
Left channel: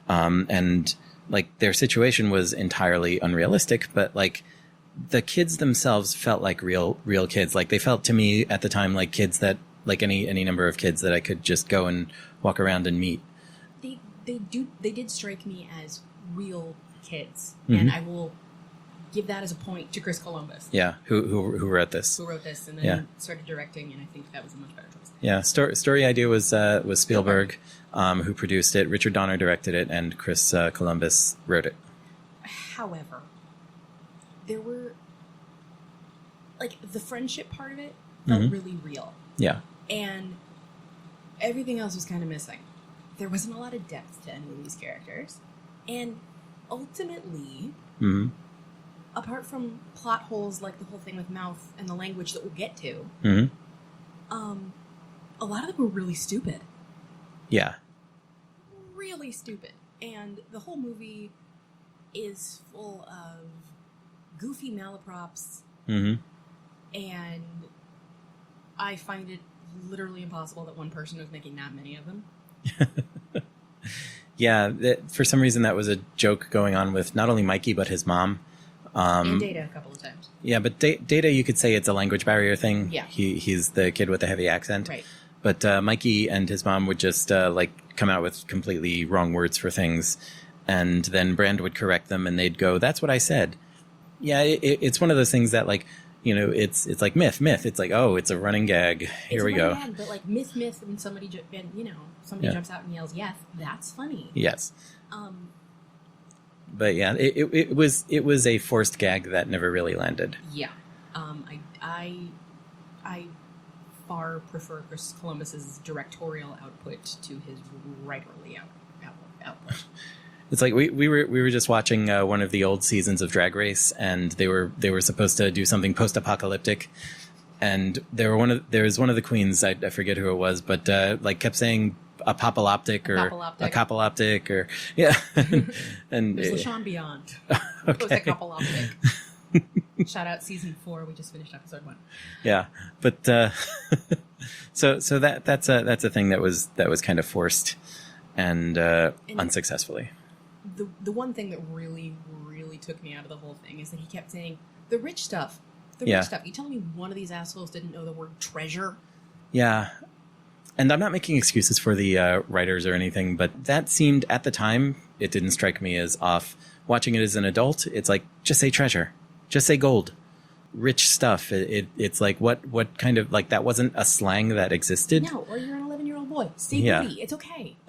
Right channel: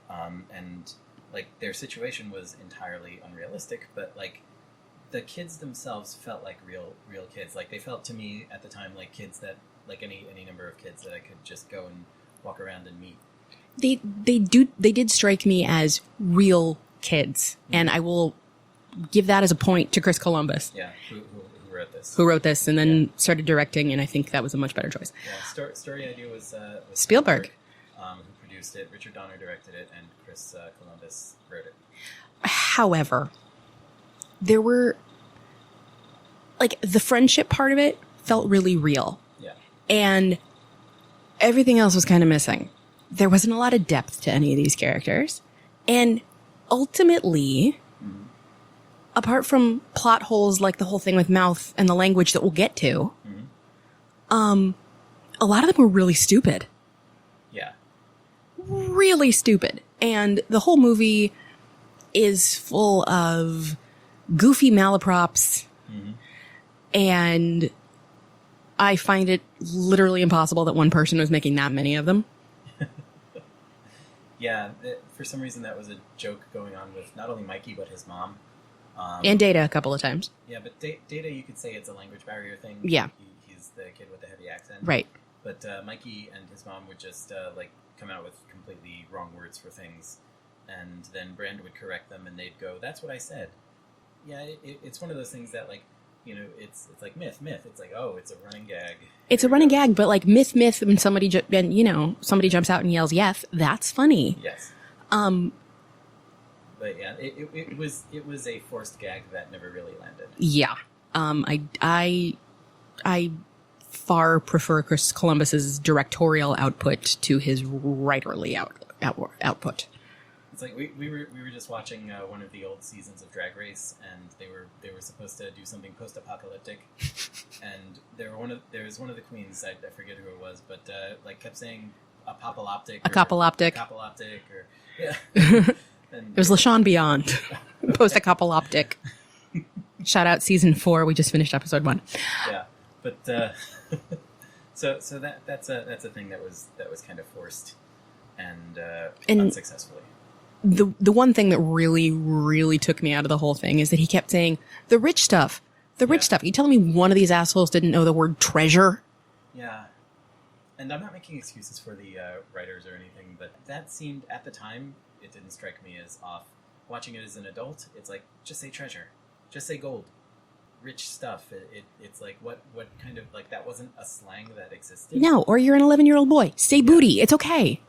And like their situation was entirely unrealistic, but like the kids themselves felt like real kids. Like they felt to me at the time like kids that like any number of kids that I could just go and walk around and meet. They did strike me as real kids, and I will give that as a point to Chris Columbus. Yeah, who wrote this? Who wrote this and then started directing, and I think that was a much better choice. Yeah, story idea was Spielberg. Who produced it. Richard Donner directed it, and Chris Columbus wrote it. However, there were, like, the friendship part of it felt really real. Yeah. And everything else was kind of missing. There wasn't a lot of depth to any of these characters. And ultimately, apart from plot holes like the whole thing with Mouth and the language that we'll get to, a lot of them were really stupid. Yeah. Really stupid. And the whole movie is full of goofy malaprops. And I find it literally impossible that one person was making that many of them. Yeah. For some reason, that was a joke going on with not only Mikey, but his mom. And Data a couple of times. Yeah, but Data, you could say it's a language barrier thing. Yeah. He's the kid with the heavy accent. Right. But Mikey and his mom would just like come out with completely wrong words for things, and then Brand would correct them, and they'd go, "That's what I said." Yeah, it's one of those things that, like, you know, it's like myth. It's like, oh, it's a running gag. It's a running gag, but like myth, and somebody somebody jumps out and yells, "Yes," that's funny. Yes. But yeah, it was a forced gag that never really landed. Yeah. I far prefer Chris Columbus's directorial output to his writerly output. It's like we were just watching one of the old seasons of Drag Race, and they were supposed to do something post-apocalyptic, and there was one of the queens, I forget who it was, but like kept saying apocalyptic or yeah, and it was LaShawn Beyond, post-apocalyptic. Shout out season 4. We just finished episode 1. Yeah, but so that's a thing that was kind of forced and unsuccessfully. The one thing that really, really took me out of the whole thing is that he kept saying the rich stuff. The rich stuff. You telling me one of these assholes didn't know the word treasure? Yeah. And I'm not making excuses for the writers or anything, but that seemed, at the time, it didn't strike me as off. Watching it as an adult, it's like, just say treasure. Just say gold. Rich stuff. It's like, what kind of, like, that wasn't a slang that existed? No, or you're an 11-year-old boy. Say booty. It's okay.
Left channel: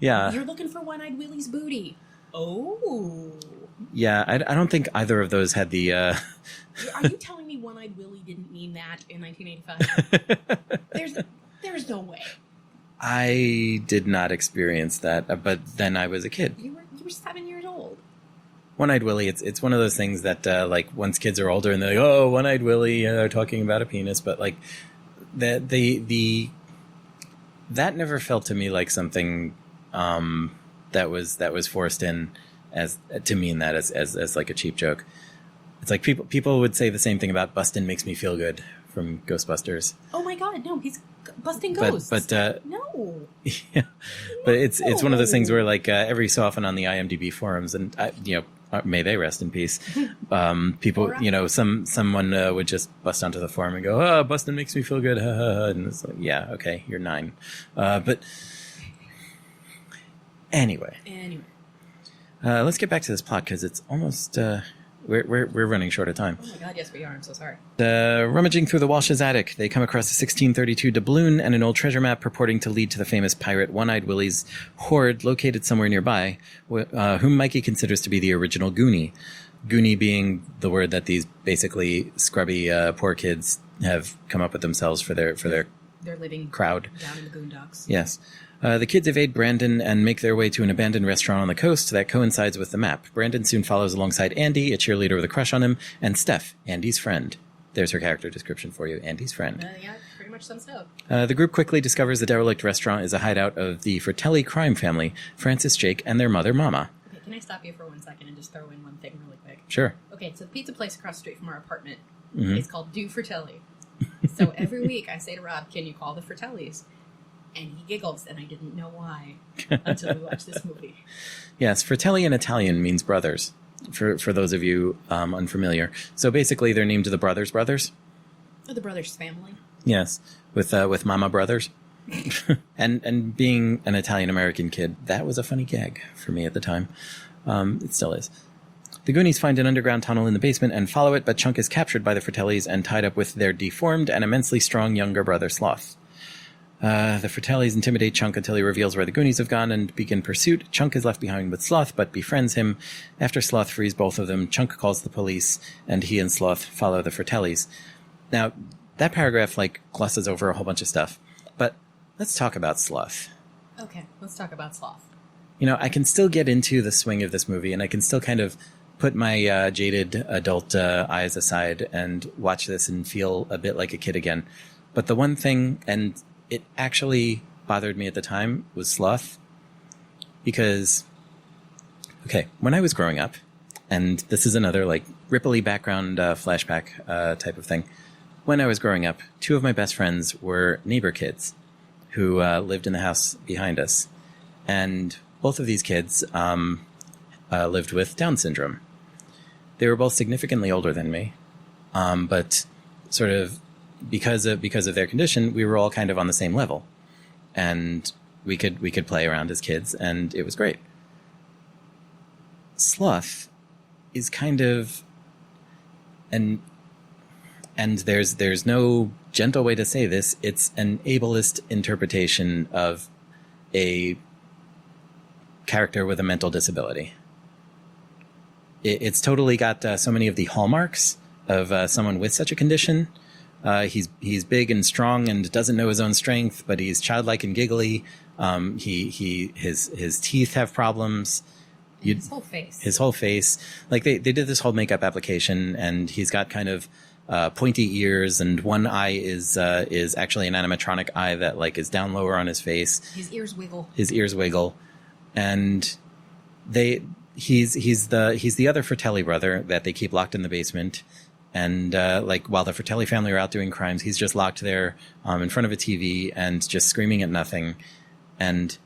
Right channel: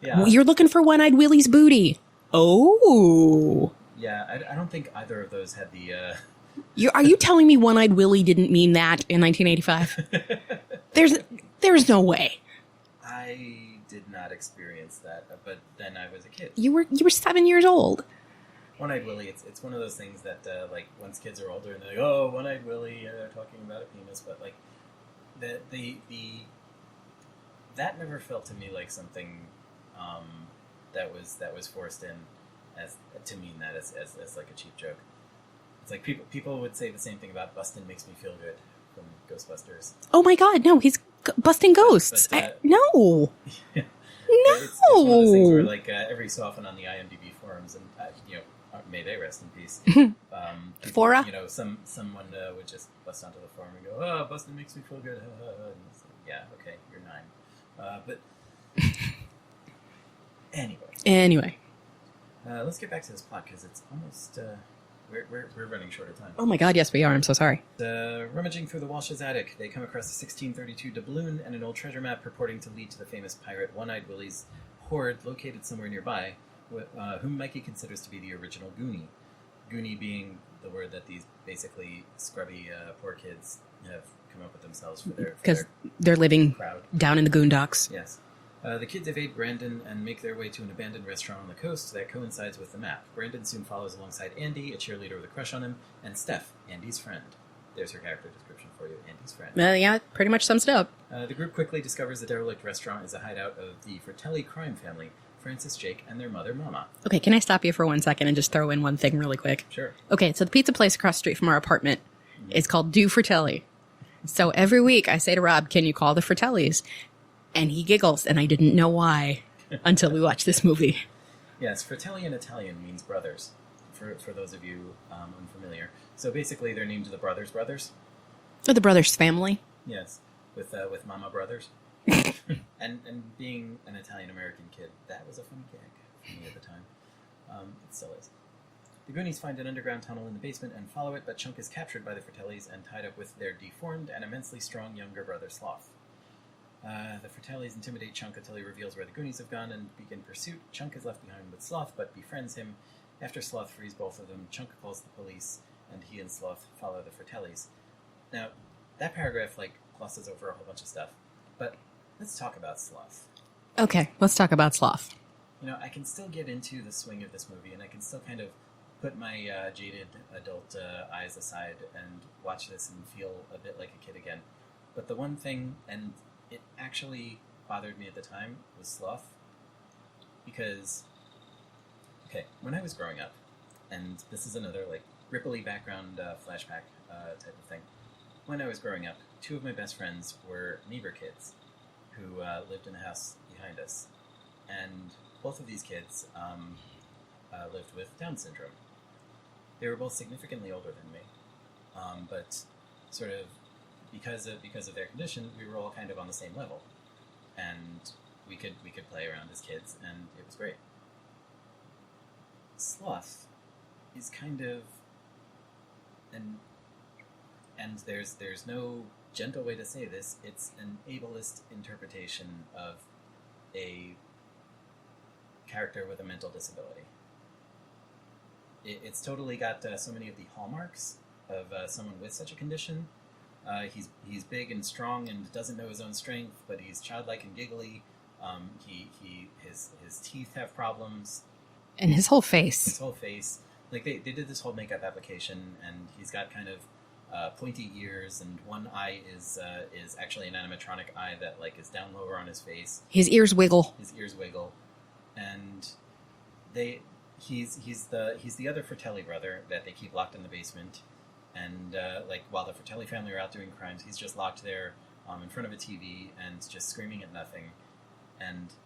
Yeah. You're looking for One-Eyed Willie's booty. Oh. Yeah, I don't think either of those had the... Are you telling me One-Eyed Willie didn't mean that in 1985? There's no way. I did not experience that, but then I was a kid. You were 7 years old. One-Eyed Willie, it's one of those things that like once kids are older and they're like, oh, One-Eyed Willie, they're talking about a penis, but like that never felt to me like something that was forced in as to mean that as like a cheap joke. It's like people would say the same thing about Bustin' Makes Me Feel Good from Ghostbusters. Oh my God, no, he's busting ghosts. No. Yeah. But it's one of those things where like every so often on the IMDb forums, and may they rest in peace. People, Flora? Someone would just bust onto the forum and go, "Oh, Bustin' makes me feel good," and it's like, yeah, okay, you're 9, but anyway, let's get back to this plot because it's almost we're running short of time. Oh my God, yes, we are. I'm so sorry. Rummaging through the Walsh's attic, they come across a 1632 doubloon and an old treasure map purporting to lead to the famous pirate One-Eyed Willie's hoard located somewhere nearby, whom Mikey considers to be the original Goonie. Goonie being the word that these basically scrubby poor kids have come up with themselves for their they're living crowd down in the Goondocks. Yes. The kids evade Brandon and make their way to an abandoned restaurant on the coast that coincides with the map. Brandon soon follows alongside Andy, a cheerleader with a crush on him, and Steph, Andy's friend. there's her character description for you, Andy's friend. Yeah, pretty much sums it up. The group quickly discovers the derelict restaurant is a hideout of the Fratelli crime family, Francis, Jake, and their mother, Mama. Okay, can I stop you for 1 second and just throw in one thing really quick? Sure. Okay, so the pizza place across the street from our apartment is called Do Fratelli. So every week I say to Rob, can you call the Fratellis? And he giggles, and I didn't know why until we watched this movie. Yes, Fratelli in Italian means brothers, for those of you unfamiliar. So basically they're named the Brothers Brothers. Or the Brothers family. Yes, with Mama Brothers. and being an Italian-American kid, that was a funny gag for me at the time. It still is. The Goonies find an underground tunnel in the basement and follow it, but Chunk is captured by the Fratellis and tied up with their deformed and immensely strong younger brother, Sloth. The Fratellis intimidate Chunk until he reveals where the Goonies have gone and begin pursuit. Chunk is left behind with Sloth, but befriends him. After Sloth frees both of them, Chunk calls the police, and he and Sloth follow the Fratellis. Now, that paragraph, glosses over a whole bunch of stuff. But let's talk about Sloth. Okay, let's talk about Sloth. I can still get into the swing of this movie, and I can still kind of put my jaded adult eyes aside and watch this and feel a bit like a kid again. But the one thing, and it actually bothered me at the time, was Sloth. Because, okay, when I was growing up, and this is another, ripply background flashback type of thing. When I was growing up, two of my best friends were neighbor kids who lived in the house behind us. And both of these kids lived with Down syndrome. They were both significantly older than me, but sort of because of their condition, we were all kind of on the same level, and we could play around as kids, and it was great. Sloth is kind of and there's no gentle way to say this. It's an ableist interpretation of a character with a mental disability. It's totally got so many of the hallmarks of someone with such a condition. He's big and strong and doesn't know his own strength, but he's childlike and giggly. His teeth have problems. And his whole face. His whole face. They did this whole makeup application, and he's got kind of pointy ears, and one eye is actually an animatronic eye that is down lower on his face. His ears wiggle. And he's the other Fratelli brother that they keep locked in the basement. And while the Fratelli family are out doing crimes, he's just locked there in front of a TV and just screaming at nothing. And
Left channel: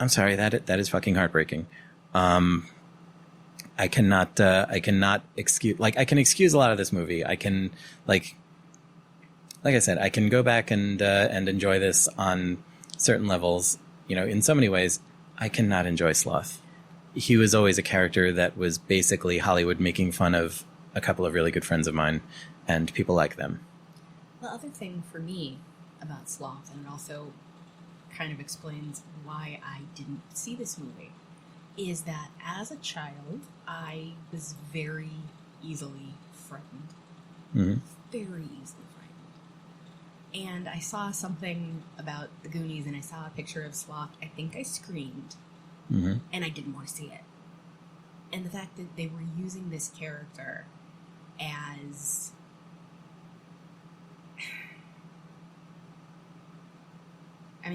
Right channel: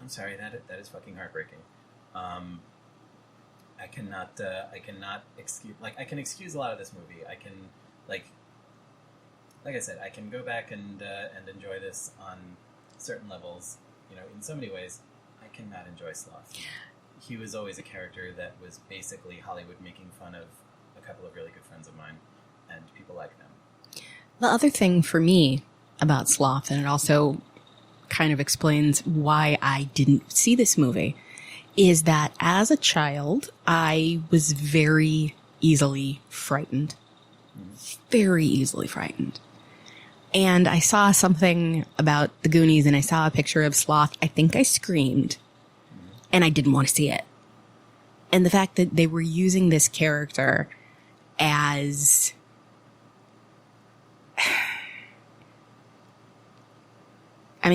I'm sorry, that is fucking heartbreaking. I cannot excuse, I can excuse a lot of this movie. I can, like I said, I can go back and enjoy this on certain levels. In so many ways, I cannot enjoy Sloth. He was always a character that was basically Hollywood making fun of a couple of really good friends of mine, and people like them. The other thing for me about Sloth, and it also kind of explains why I didn't see this movie, is that as a child, I was very easily frightened. Mm-hmm. Very easily frightened. And I saw something about the Goonies, and I saw a picture of Sloth. I think I screamed, mm-hmm. and I didn't want to see it. And the fact that they were using this character as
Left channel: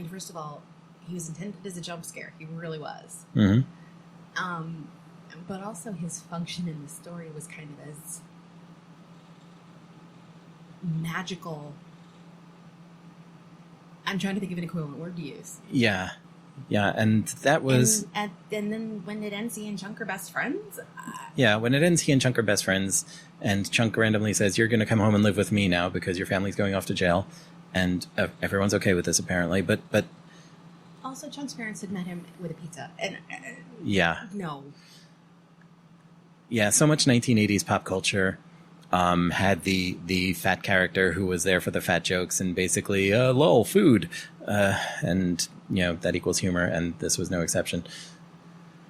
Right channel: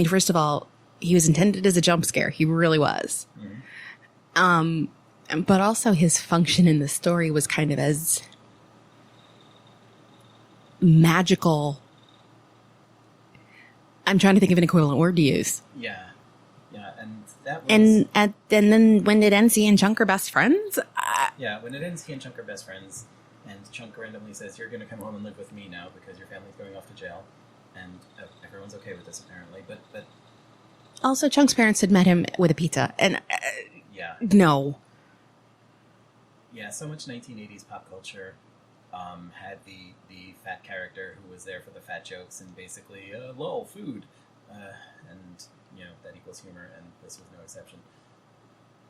first of all, he was intended as a jump scare. He really was. Mm-hmm. But also his function in the story was kind of as magical. I'm trying to think of an equivalent word to use. Yeah. Yeah, and that was... And then when it ends, he and Chunk are best friends? Yeah, when it ends, he and Chunk are best friends, and Chunk randomly says, "You're going to come home and live with me now because your family's going off to jail." And everyone's okay with this, apparently, but... Also, Chunk's parents had met him with a pizza, and... yeah. No. Yeah, so much 1980s pop culture had the fat character who was there for the fat jokes and basically, lol, food, and... that equals humor, and this was no exception.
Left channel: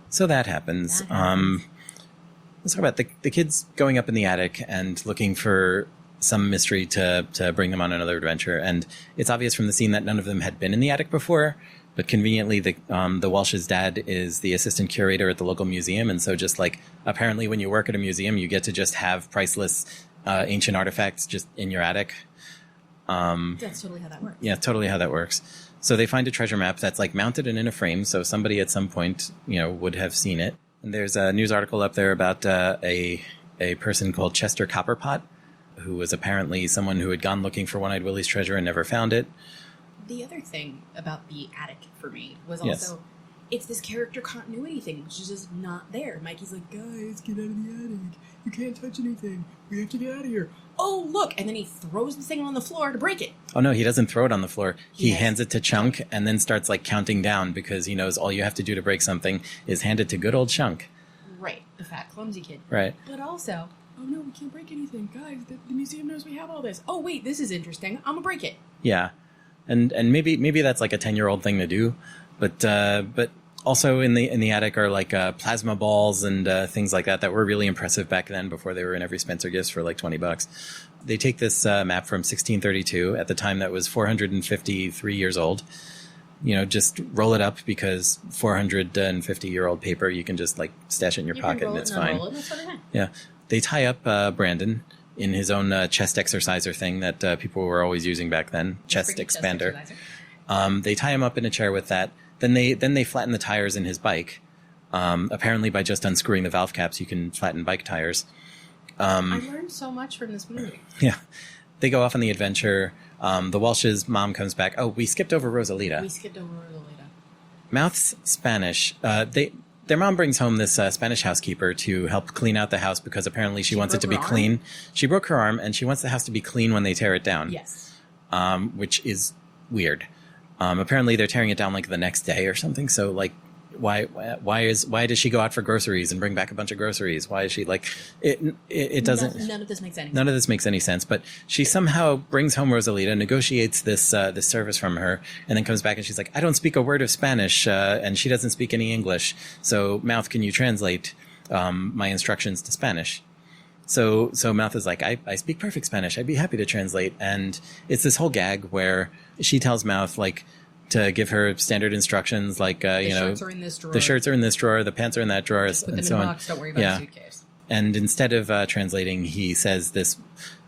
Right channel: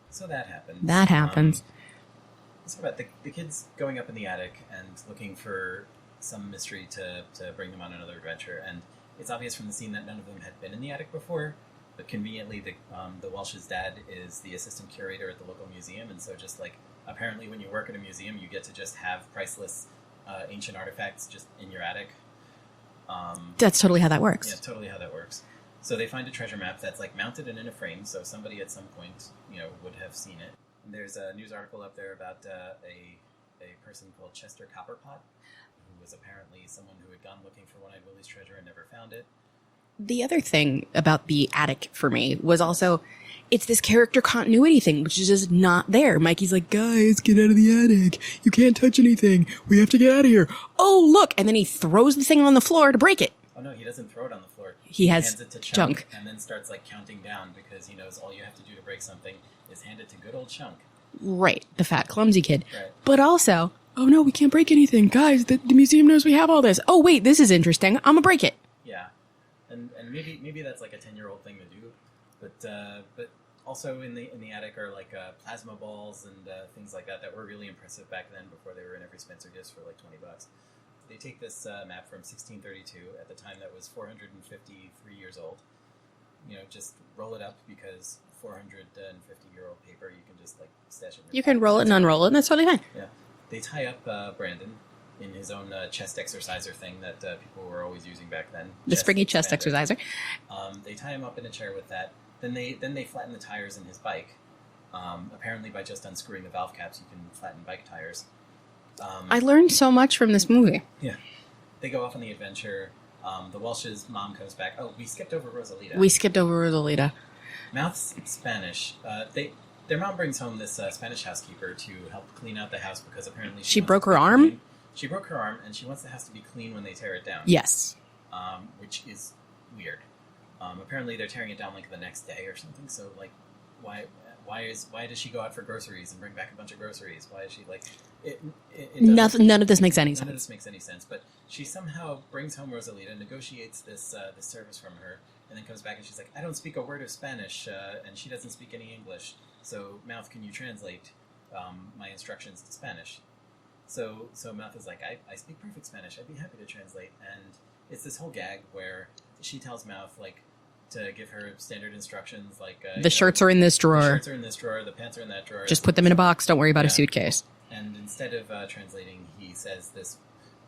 So that happens. Let's talk about the kids going up in the attic and looking for some mystery to bring them on another adventure. And it's obvious from the scene that none of them had been in the attic before, but conveniently the Walsh's dad is the assistant curator at the local museum, and so just apparently when you work at a museum, you get to just have priceless ancient artifacts just in your attic. That's totally how that works. Yeah, totally how that works. So they find a treasure map that's like mounted and in a frame, so somebody at some point, would have seen it. And there's a news article up there about a person called Chester Copperpot, who was apparently someone who had gone looking for One-Eyed Willie's treasure and never found it. The other thing about the attic for me was also it's this character continuity thing, which is just not there. Mikey's like, guys, get out of the attic. You can't touch anything. We have to get out of here. Oh, look. And then he throws the thing on the floor to break it. Oh, no, he doesn't throw it on the floor. He has hands it to Chunk and then starts like counting down because he knows all you have to do to break something is hand it to good old Chunk. Right. The fat, clumsy kid. Right. But also, oh, no, we can't break anything. Guys, the museum knows we have all this. Oh, wait, this is interesting. I'm going to break it. Yeah. And maybe that's like a 10-year-old thing to do. But also in the attic are like plasma balls and things like that were really impressive back then before they were in every Spencer Gifts for like $20. They take this map from 1632 at the time that was 453 years old. Just roll it up because 450-year-old paper, you can just like stash it in your pocket. You can roll it and unroll it and that's totally fine. Yeah. They tie up Brandon in his own chest exerciser thing that people were always using back then. The springy chest exerciser. They tie him up in a chair with that. Then they flatten the tires in his bike. Apparently by just unscrewing the valve caps, you can flatten bike tires. I learned so much from this movie. Yeah. They go off on the adventure. The Walsh's mom comes back. Oh, we skipped over Rosalita. Mouth's Spanish. Their mom brings home this Spanish housekeeper to help clean out the house because apparently she wants it to be clean. She broke her arm and she wants the house to be clean when they tear it down. Yes. Which is weird. Apparently they're tearing it down like the next day or something. So like, why does she go out for groceries and bring back a bunch of groceries? Why is she like it doesn't? None of this makes any sense. None of this makes any sense. But she somehow brings home Rosalita, negotiates this service from her, and then comes back and she's like, I don't speak a word of Spanish, and she doesn't speak any English. So Mouth, can you translate my instructions to Spanish? So Mouth is like, I speak perfect Spanish. I'd be happy to translate. And it's this whole gag where she tells Mouth like to give her standard instructions like the shirts are in this drawer. The shirts are in this drawer. The pants are in that drawer. Just put them in a box. Don't worry about a suitcase. And instead of translating, he says this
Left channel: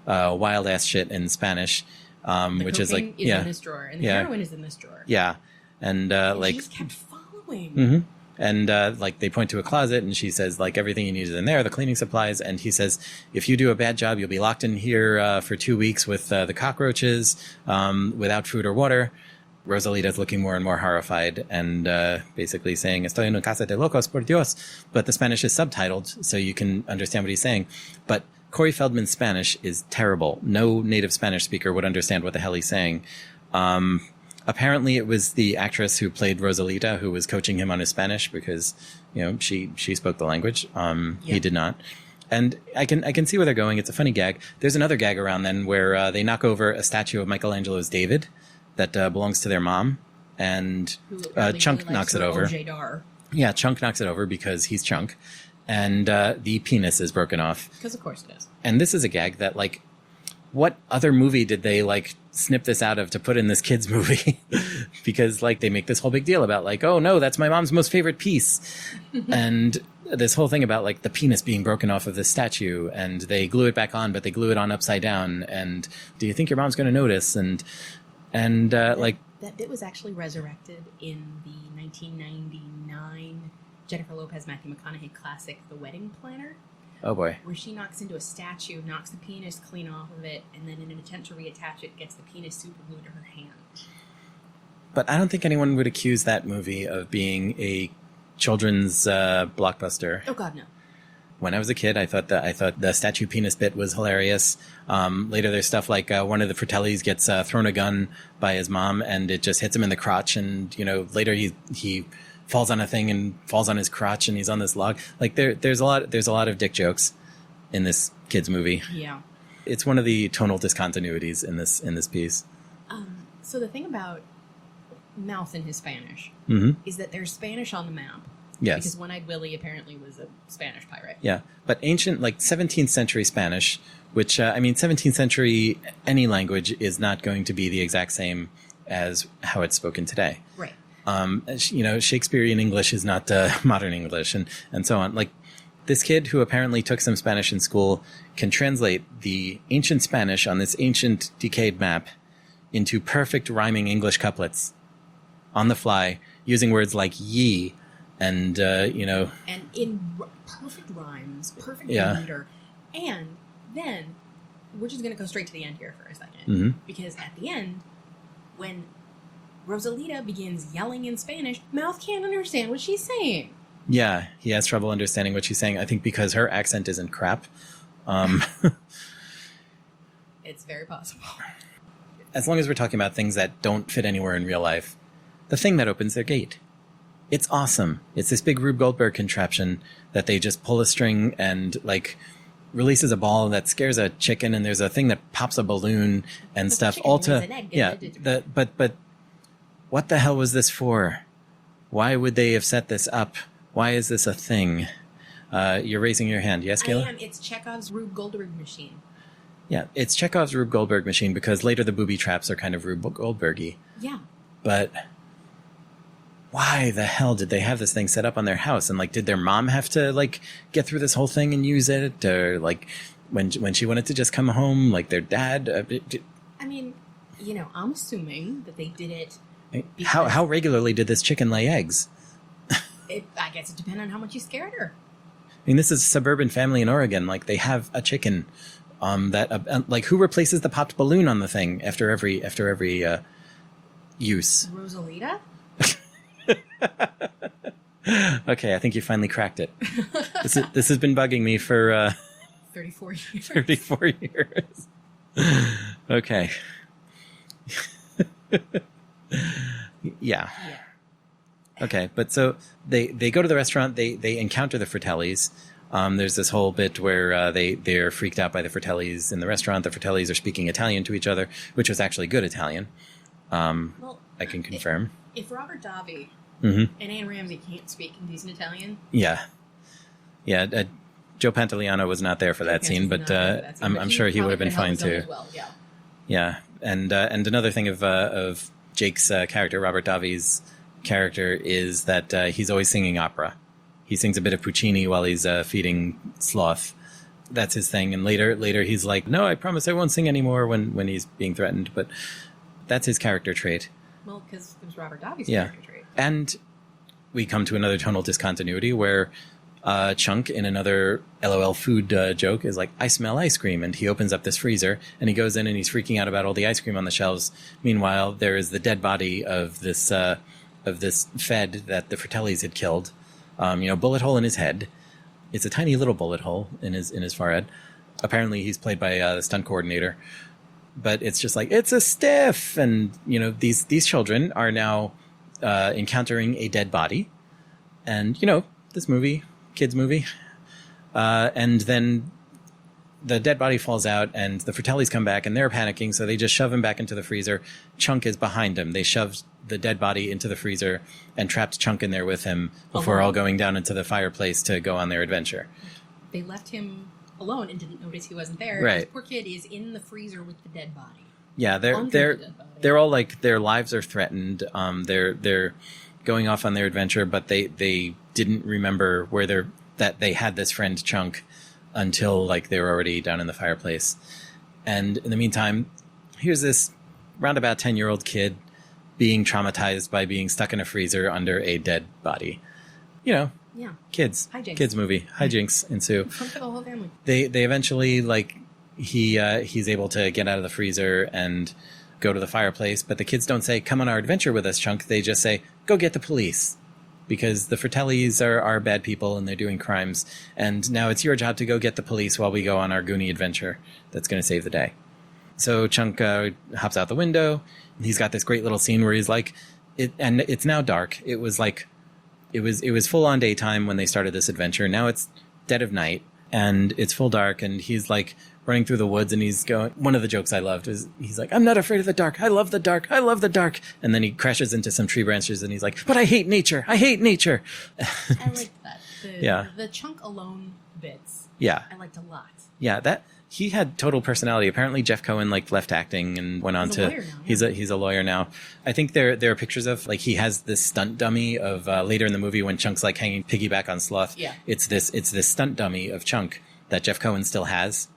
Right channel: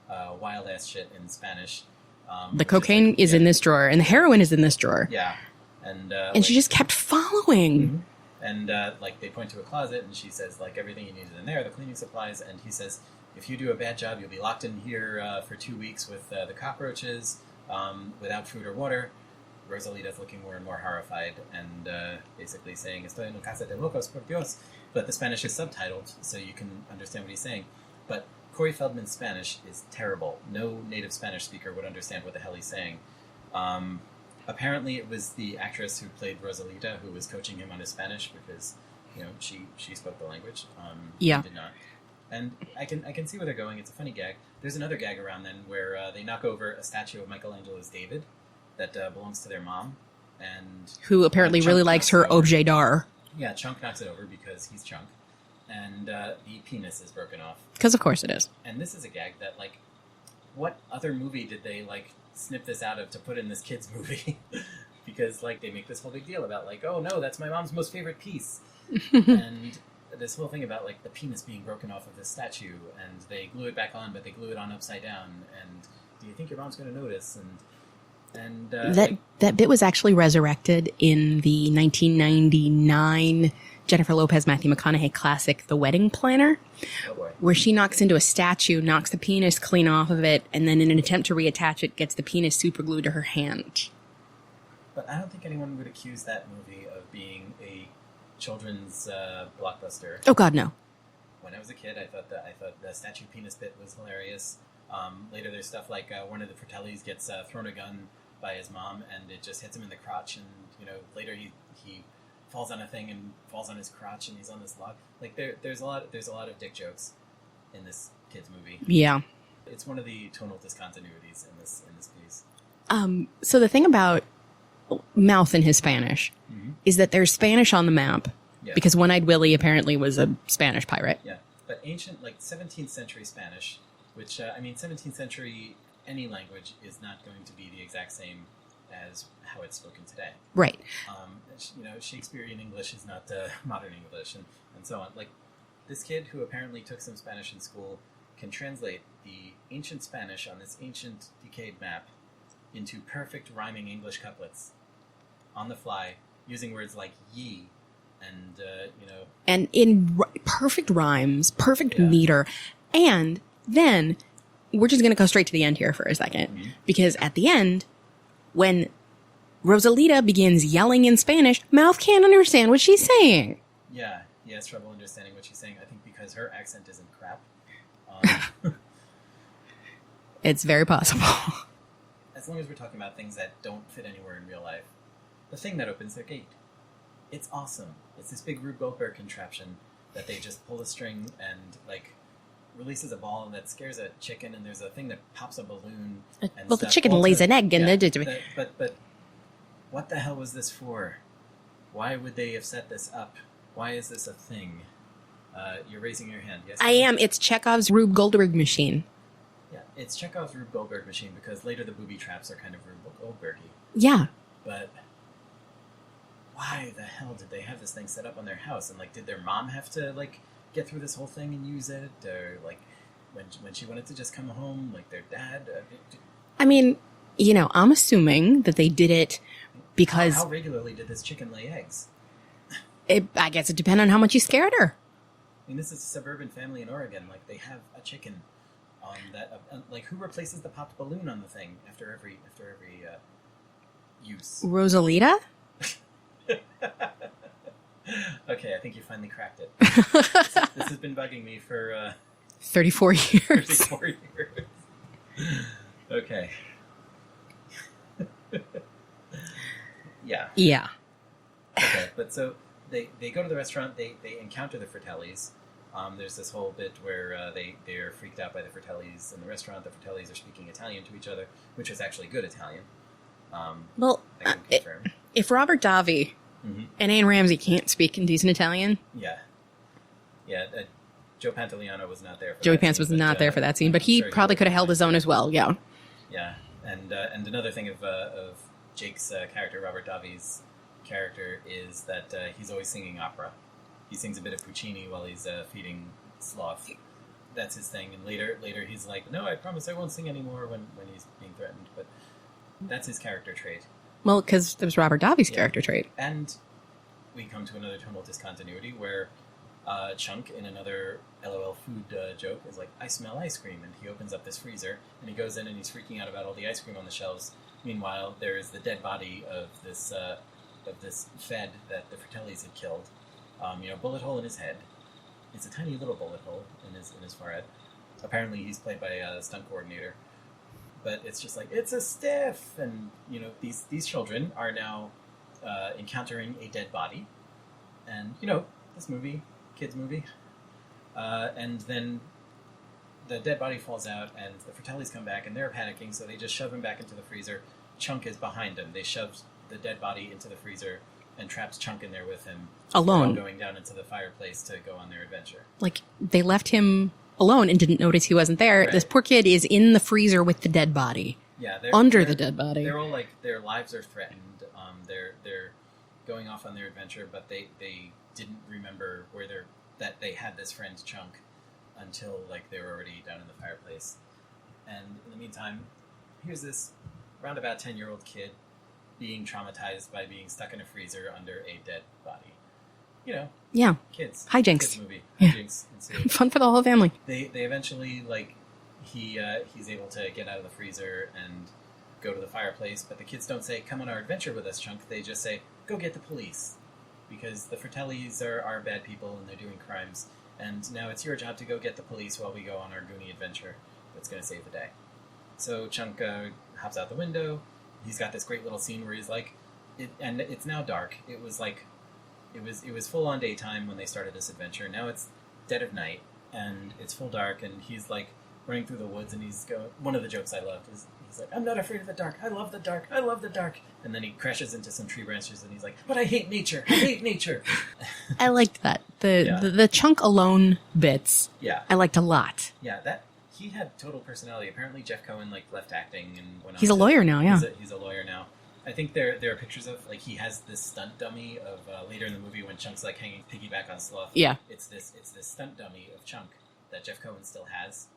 wild ass shit in Spanish. The cocaine is in this drawer, and the heroin is in this drawer. Yeah, and she just kept following. Mm-hmm. And like they point to a closet, and she says like everything you need is in there, the cleaning supplies. And he says, if you do a bad job, you'll be locked in here for 2 weeks with the cockroaches, without food or water. Rosalita's looking more and more horrified and basically saying, Estoy en una casa de locos, por Dios. But the Spanish is subtitled, so you can understand what he's saying. But Corey Feldman's Spanish is terrible. No native Spanish speaker would understand what the hell he's saying. Apparently it was the actress who played Rosalita who was coaching him on his Spanish because, she spoke the language. He did not. And I can see where they're going. It's a funny gag. There's another gag around then where they knock over a statue of Michelangelo's David that belongs to their mom, and who apparently really likes her OJ Dar. Yeah, Chunk knocks it over because he's Chunk, and the penis is broken off. Because of course it is. And this is a gag that like, what other movie did they like snip this out of to put in this kids movie? Because like they make this whole big deal about like, oh no, that's my mom's most favorite piece, and this whole thing about like the penis being broken off of this statue, and they glue it back on, but they glue it on upside down. And do you think your mom's going to notice? And that bit was actually resurrected in the 1999 Jennifer Lopez, Matthew McConaughey classic, The Wedding Planner. Oh boy. Where she knocks into a statue, knocks the penis clean off of it, and then in an attempt to reattach it, gets the penis super glued to her hand. But I don't think anyone would accuse that movie of being a children's blockbuster. Oh God, no. When I was a kid, I thought the statue penis bit was hilarious. Later, there's stuff like one of the Fratellis gets thrown a gun by his mom, and it just hits him in the crotch. And later he falls on a thing and falls on his crotch, and he's on this log. Like there's a lot of dick jokes in this kids movie. Yeah, it's one of the tonal discontinuities in this piece. So the thing about Mouth in his Spanish is that there's Spanish on the map. Yes. Because One-Eyed Willie apparently was a Spanish pirate. Yeah, but ancient, like 17th century Spanish, which, 17th century, any language is not going to be the exact same as how it's spoken today. Right. Shakespearean English is not modern English and so on. Like, this kid who apparently took some Spanish in school can translate the ancient Spanish on this ancient decayed map into perfect rhyming English couplets on the fly, using words like ye and, And in perfect rhymes, perfect Yeah. meter. And then we're just going to go straight to the end here for a second. Because at the end, when Rosalita begins yelling in Spanish, Mouth can't understand what she's saying. Yeah, he has trouble understanding what she's saying, I think because her accent isn't crap. It's very possible. As long as we're talking about things that don't fit anywhere in real life, the thing that opens their gate. It's awesome. It's this big Rube Goldberg contraption that they just pull a string and, like, releases a ball that scares a chicken, and there's a thing that pops a balloon and Well, stuff. the chicken all lays to- an egg. yeah, And but what the hell was this for? Why would they have set this up? Why is this a thing? You're raising your hand. Yes, I Kayla? am. It's Chekhov's Rube Goldberg machine. Yeah, it's Chekhov's Rube Goldberg machine because later the booby traps are kind of Rube Goldberg-y. Yeah. But why the hell did they have this thing set up on their house? And, like, did their mom have to, like, get through this whole thing and use it? Or, like, when she wanted to just come home, like, their dad? I mean, I'm assuming that they did it because How regularly did this chicken lay eggs? I guess it depended on how much you scared her. I mean, this is a suburban family in Oregon. Like, they have a chicken that, like, who replaces the popped balloon on the thing after every use? Rosalita? Okay, I think you finally cracked it. This has been bugging me for 34 years. 34 years. Okay. Yeah. Yeah. Okay, but so they go to the restaurant. They encounter the Fratellis. There's this whole bit where they're freaked out by the Fratellis in the restaurant. The Fratellis are speaking Italian to each other, which was actually good Italian. Well, I can confirm. if Robert Davi and Anne Ramsey can't speak in decent Italian, Yeah. Joe Pantoliano was not there for Joey that Pants scene. was not there for that scene, but I'm he sure probably would could been have held fine his own too. as well. Yeah. Yeah, and another thing of Jake's character, Robert Davi's character, is that he's always singing opera. He sings a bit of Puccini while he's feeding Sloth. That's his thing. And later he's like, "No, I promise I won't sing anymore," when he's being threatened. But that's his character trait. Well, because it was Robert Davi's character trait. And we come to another tonal discontinuity where Chunk, in another LOL food joke, is like, "I smell ice cream," and he opens up this freezer and he goes in and he's freaking out about all the ice cream on the shelves. Meanwhile, there is the dead body of this Fed that the Fratellis had killed. Bullet hole in his head. It's a tiny little bullet hole in his forehead. Apparently, he's played by the stunt coordinator. But it's just like, it's a stiff, and these children are now encountering a dead body, and this movie. Kids movie, and then the dead body falls out and the Fratellis come back and they're panicking, so they just shove him back into the freezer. Chunk is behind him. They shoved the dead body into the freezer and trapped Chunk in there with him before Alone. all going down into the fireplace to go on their adventure. Like, they left him alone and didn't notice he wasn't there. Right. This poor kid is in the freezer with the dead body. Yeah, Under the dead body. They're all like, their lives are threatened. They're going off on their adventure, but they didn't remember that they had this friend Chunk until, like, they were already down in the fireplace. And in the meantime, here's this roundabout 10-year-old kid being traumatized by being stuck in a freezer under a dead body. Yeah. Kids. Hijinks. Kids movie. Hijinks ensue. Fun for the whole family. They eventually, like, he's able to get out of the freezer and go to the fireplace, but the kids don't say, "Come on our adventure with us, Chunk." They just say, "Go get the police," because the Fratellis are bad people and they're doing crimes, and now it's your job to go get the police while we go on our Goonie adventure that's going to save the day. So Chunk hops out the window, and he's got this great little scene where he's like, and it's now dark. It was full on daytime when they started this adventure. Now it's dead of night and it's full dark, and he's like running through the woods, and he's going, one of the jokes I loved is he's like, "I'm not afraid of the dark. I love the dark. I love the dark." And then he crashes into some tree branches and he's like, "But I hate nature. I hate nature." I liked that. Yeah. The Chunk alone bits. Yeah. I liked a lot. Yeah, he had total personality. Apparently Jeff Cohen like left acting and went on to... He's a lawyer now, yeah. He's a lawyer now. I think there are pictures of, like, he has this stunt dummy of later in the movie when Chunk's like hanging piggyback on Sloth. Yeah. It's this stunt dummy of Chunk that Jeff Cohen still has,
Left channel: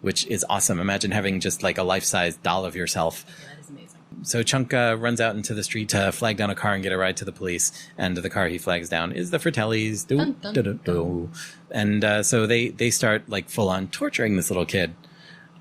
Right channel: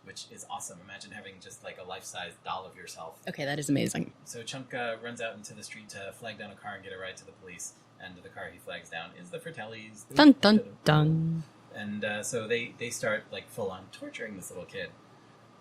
which is awesome. Imagine having just like a life-size doll of yourself. Okay, that is amazing. So Chunk runs out into the street to flag down a car and get a ride to the police. And the car he flags down is the Fratellis. Dun, dun, dun. And so they start like full-on torturing this little kid.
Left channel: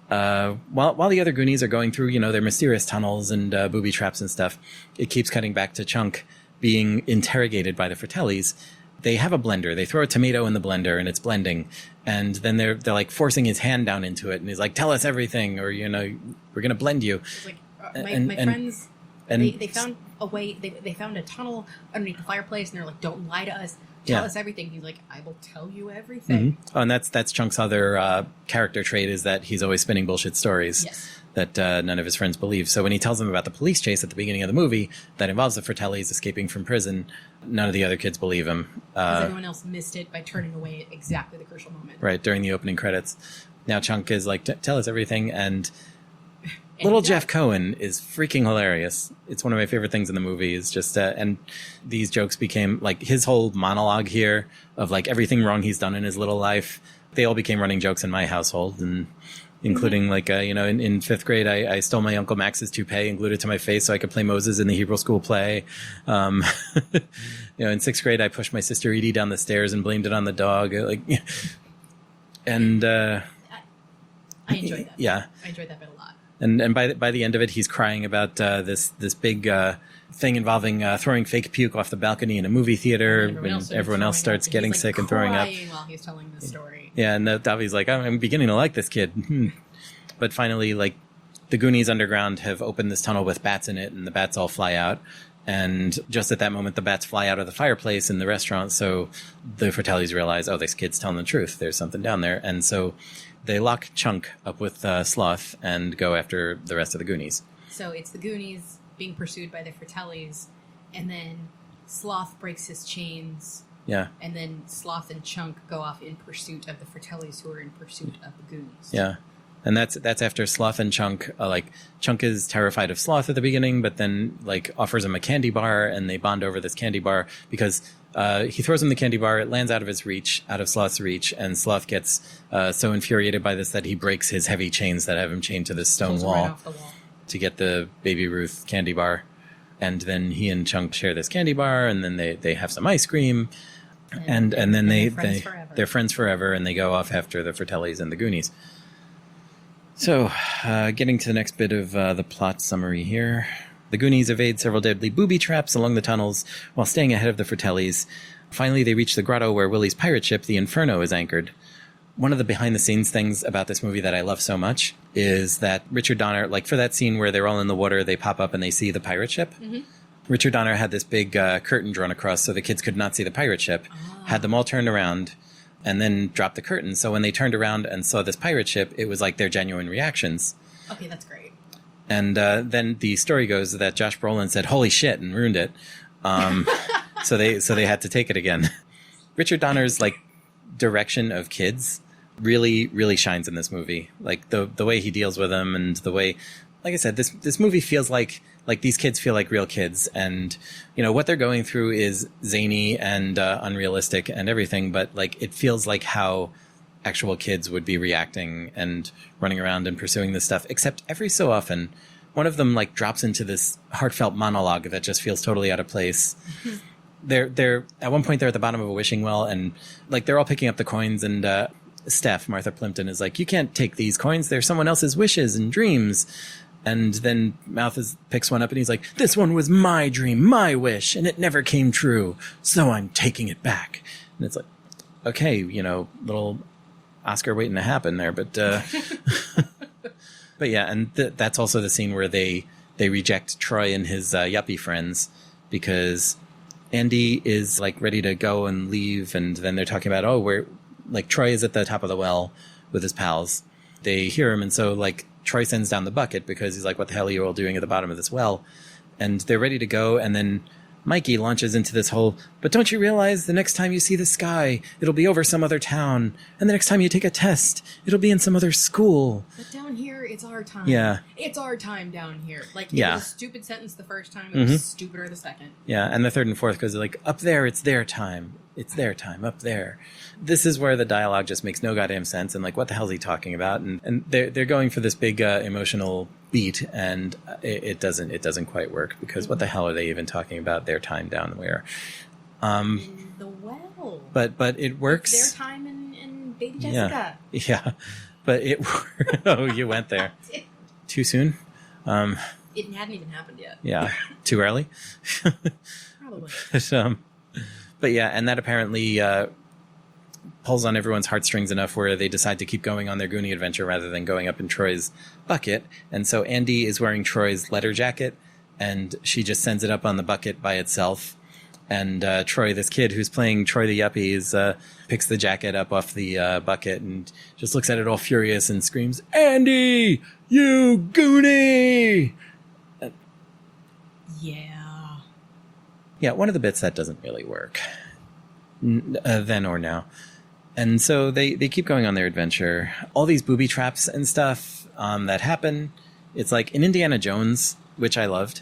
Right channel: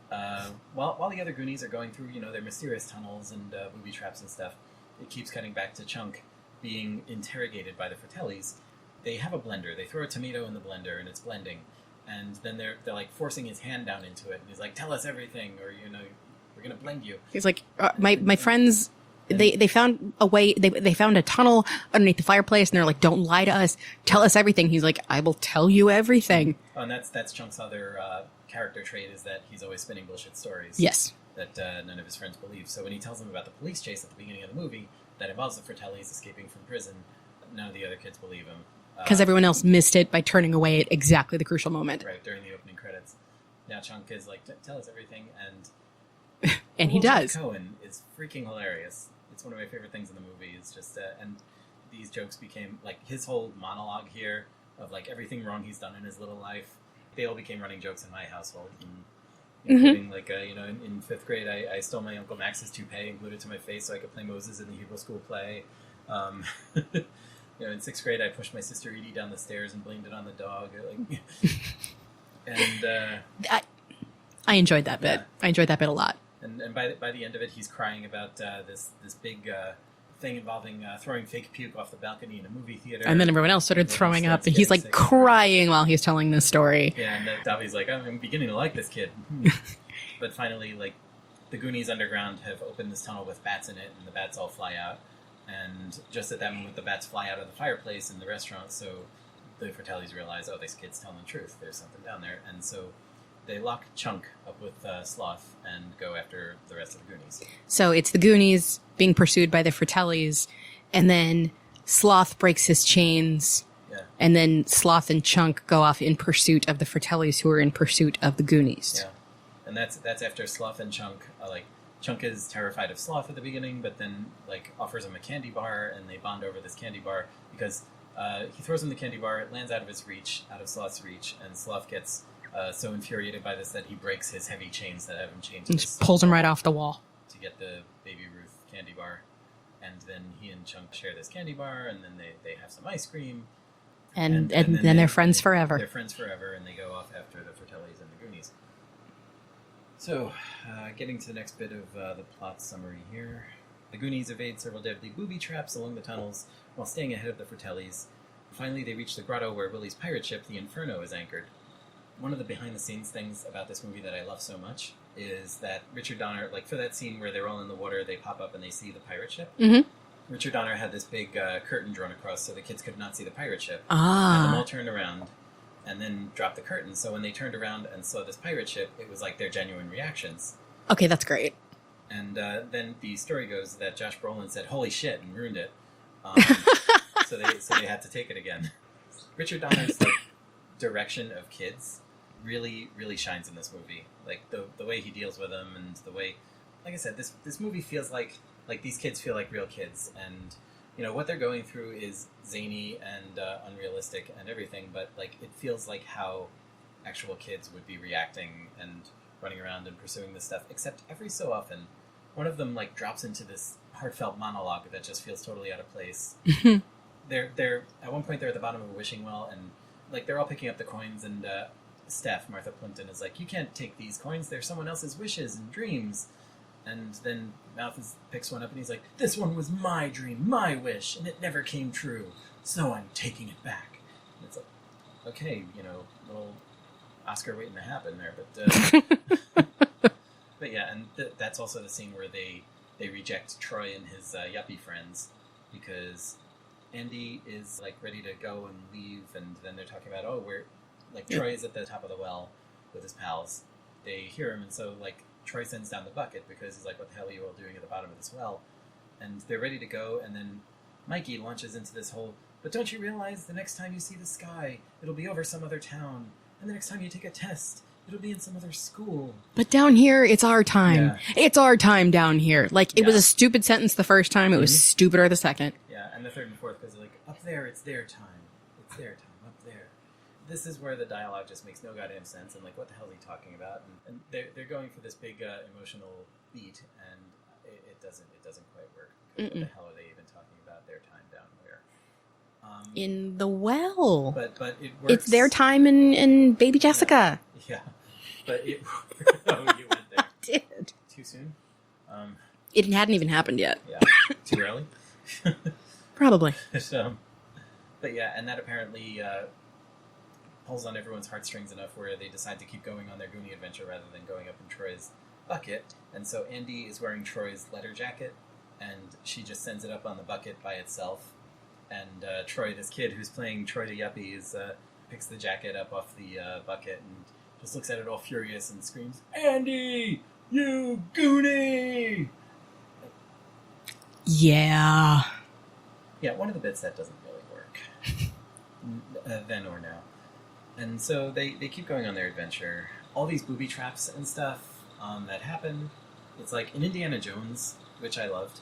While the other Goonies are going through, their mysterious tunnels and booby traps and stuff, it keeps cutting back to Chunk being interrogated by the Fratellis. They have a blender. They throw a tomato in the blender and it's blending. And then they're like forcing his hand down into it. And he's like, tell us everything or, we're going to blend you. He's like, my friends, they found a way. They found a tunnel underneath the fireplace and they're like, don't lie to us. Tell us everything. He's like, I will tell you everything. Mm-hmm. Oh, and that's Chunk's other character trait is that he's always spinning bullshit stories. Yes. That none of his friends believe. So when he tells them about the police chase at the beginning of the movie that involves the Fratellis escaping from prison, none of the other kids believe him. Because everyone else missed it by turning away at exactly the crucial moment. Right, during the opening credits. Now Chunk is like, tell us everything, and And little he Jeff does. Cohen is freaking hilarious. It's one of my favorite things in the movie is just, and these jokes became, like, his whole monologue here of, like, everything wrong he's done in his little life. They all became running jokes in my household, and including, like, in fifth grade, I stole my Uncle Max's toupee and glued it to my face so I could play Moses in the Hebrew school play. In sixth grade, I pushed my sister Edie down the stairs and blamed it on the dog. And I enjoyed that bit. Yeah. I enjoyed that bit a lot. And by the end of it, he's crying about this big thing involving throwing fake puke off the balcony in a movie theater. And then everyone else started throwing up. starts And getting he's like sick and throwing up. crying while he's telling this story. Yeah, and Davi's like, I'm beginning to like this kid. But finally, like, the Goonies underground have opened this tunnel with bats in it, and the bats all fly out. And just at that moment, the bats fly out of the fireplace in the restaurant. So the Fratellis realize, oh, this kid's telling the truth. There's something down there. And so they lock Chunk up with Sloth and go after the rest of the Goonies. So it's the Goonies being pursued by the Fratellis, and then Sloth breaks his chains. Yeah. And then Sloth and Chunk go off in pursuit of the Fratellis, who are in pursuit of the Goonies. Yeah. And that's after Sloth and Chunk, Chunk is terrified of Sloth at the beginning, but then, like, offers him a candy bar, and they bond over this candy bar because he throws him the candy bar, it lands out of Sloth's reach, and Sloth gets so infuriated by this that he breaks his heavy chains that have him chained to this stone Pulls him wall right off the wall. to get the Baby Ruth candy bar. And then he and Chunk share this candy bar, and then they have some ice cream. And then they're friends forever. They're friends forever, and they go off after the Fratellis and the Goonies. So, getting to the next bit of the plot summary here. The Goonies evade several deadly booby traps along the tunnels while staying ahead of the Fratellis. Finally, they reach the grotto where Willie's pirate ship, the Inferno, is anchored. One of the behind-the-scenes things about this movie that I love so much is that Richard Donner, like for that scene where they're all in the water, they pop up and they see the pirate ship. Mm-hmm. Richard Donner had this big curtain drawn across so the kids could not see the pirate ship. Had them all turned around and then dropped the curtain. So when they turned around and saw this pirate ship, it was like their genuine reactions. Okay, that's great. And then the story goes that Josh Brolin said, "Holy shit," and ruined it. So they had to take it again. Richard Donner's like direction of kids really, really shines in this movie. Like the way he deals with them and the way, like I said, this movie feels like these kids feel like real kids, and what they're going through is zany and unrealistic and everything, but like it feels like how actual kids would be reacting and running around and pursuing this stuff, except every so often one of them like drops into this heartfelt monologue that just feels totally out of place. They're at one point they're at the bottom of a wishing well, and like they're all picking up the coins, and Steph, Martha Plimpton, is like, "You can't take these coins, they're someone else's wishes and dreams." And then Malthus picks one up and he's like, "This one was my dream, my wish, and it never came true, so I'm taking it back." And it's like, okay, little Oscar waiting to happen there, but but yeah, and that's also the scene where they reject Troy and his yuppie friends because Andy is like ready to go and leave, and then they're talking about, we're like, Troy is at the top of the well with his pals. They hear him, and so like Troy sends down the bucket because he's like, "What the hell are you all doing at the bottom of this well?" And they're ready to go, and then Mikey launches into this whole, but don't you realize the next time you see the sky, it'll be over some other town. And the next time you take a test, it'll be in some other school. But down here, it's our time. Yeah. It's our time down here. Like, it was a stupid sentence the first time. It was stupider the second. Yeah, and the third and fourth goes like, up there, it's their time. It's their time, up there. This is where the dialogue just makes no goddamn sense. And like, what the hell is he talking about? And they're going for this big emotional beat, and it doesn't quite work, because what the hell are they even talking about their time down where? In the well. But it works. It's their time in Baby Jessica. Yeah. But it oh, you went there. I did. Too soon? It hadn't even happened yet. Yeah. Too early? Probably. But yeah, and that apparently pulls on everyone's heartstrings enough where they decide to keep going on their Goonie adventure rather than going up in Troy's bucket. And so Andy is wearing Troy's letter jacket, and she just sends it up on the bucket by itself. And Troy, this kid who's playing Troy the Yuppie, picks the jacket up off the bucket and just looks at it all furious and screams, "Andy, you Goonie!" Yeah. Yeah, one of the bits that doesn't really work then or now. And so they keep going on their adventure. All these booby traps and stuff that happen. It's like in Indiana Jones, which I loved,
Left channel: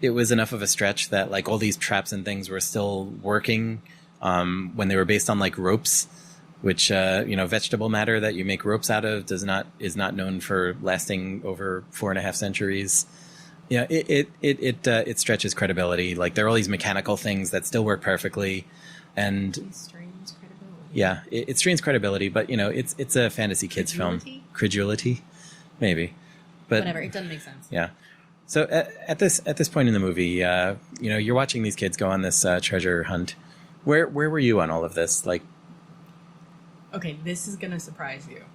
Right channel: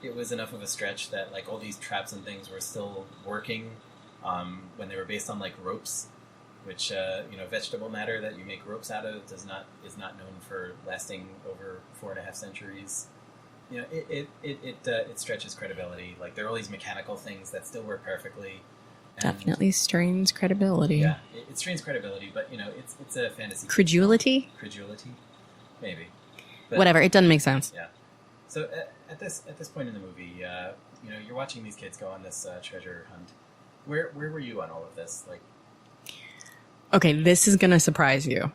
it was enough of a stretch that like all these traps and things were still working when they were based on like ropes, which, vegetable matter that you make ropes out of is not known for lasting over 4.5 centuries. Yeah, it stretches credibility. Like there are all these mechanical things that still work perfectly, and definitely strains credibility. Yeah, it strains credibility, but it's a fantasy kids Credulity? film. Credulity, maybe. But whatever. It doesn't make sense. Yeah. So at this point in the movie, you're watching these kids go on this treasure hunt. Where were you on all of this? Like, okay, this is gonna surprise you,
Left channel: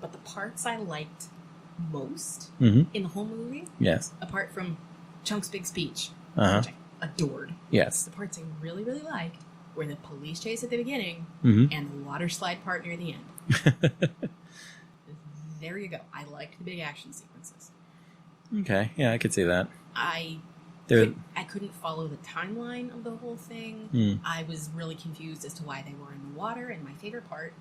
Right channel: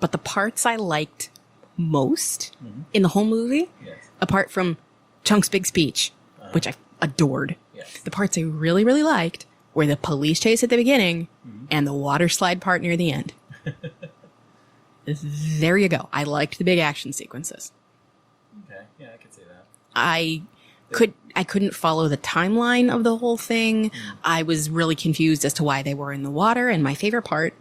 but the parts I liked most in the whole movie, yes, apart from Chunk's big speech, which I adored. Yes. The parts I really, really liked were the police chase at the beginning and the water slide part near the end. There you go. I liked the big action sequences. Okay, yeah, I could see that. I couldn't follow the timeline of the whole thing. I was really confused as to why they were in the water. And my favorite part,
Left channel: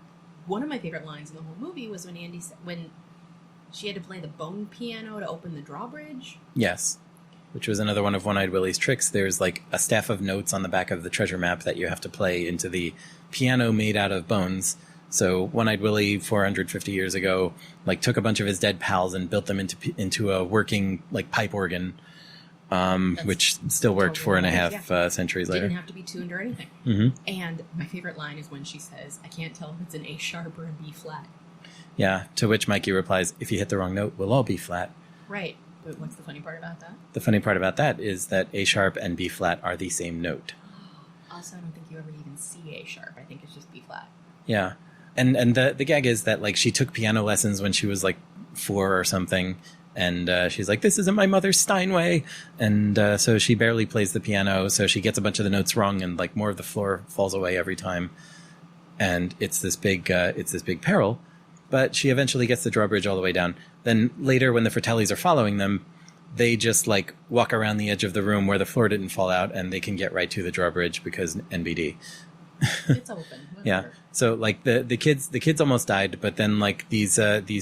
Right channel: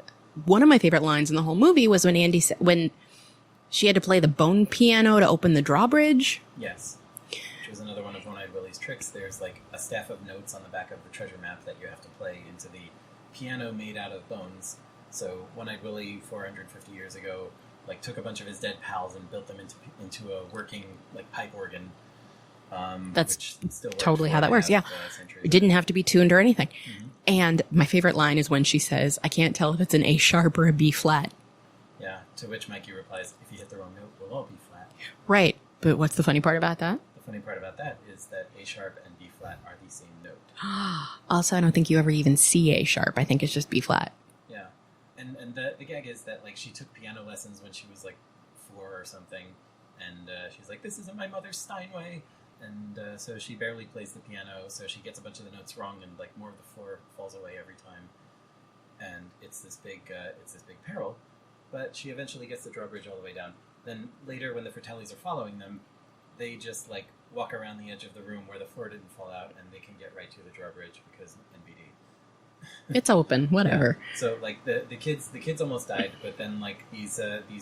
one of my favorite lines in the whole movie, was when Andy said, when she had to play the bone piano to open the drawbridge. Yes. Which was another one of One-Eyed Willie's tricks. There's like a staff of notes on the back of the treasure map that you have to play into the piano made out of bones. So One-Eyed Willie, 450 years ago, like took a bunch of his dead pals and built them into a working like pipe organ, which still worked totally 4.5 centuries It later. didn't have to be tuned or anything. And my favorite line is when she says, "I can't tell if it's an A sharp or a B flat." Yeah, to which Mikey replies, "If you hit the wrong note, we'll all be flat." Right. But what's the funny part about that? The funny part about that is that A sharp and B flat are the same note. Also, I don't think you ever even see A sharp. I think it's just B flat. Yeah. And the gag is that like she took piano lessons when she was like 4 or something, and she's like, "This isn't my mother's Steinway," and so she barely plays the piano, so she gets a bunch of the notes wrong, and like more of the floor falls away every time, and it's this big peril. But she eventually gets the drawbridge all the way down. Then later, when the Fratellis are following them, they just like walk around the edge of the room where the floor didn't fall out, and they can get right to the drawbridge because NBD. It's open, whatever. Yeah. So like the kids almost died, but then like these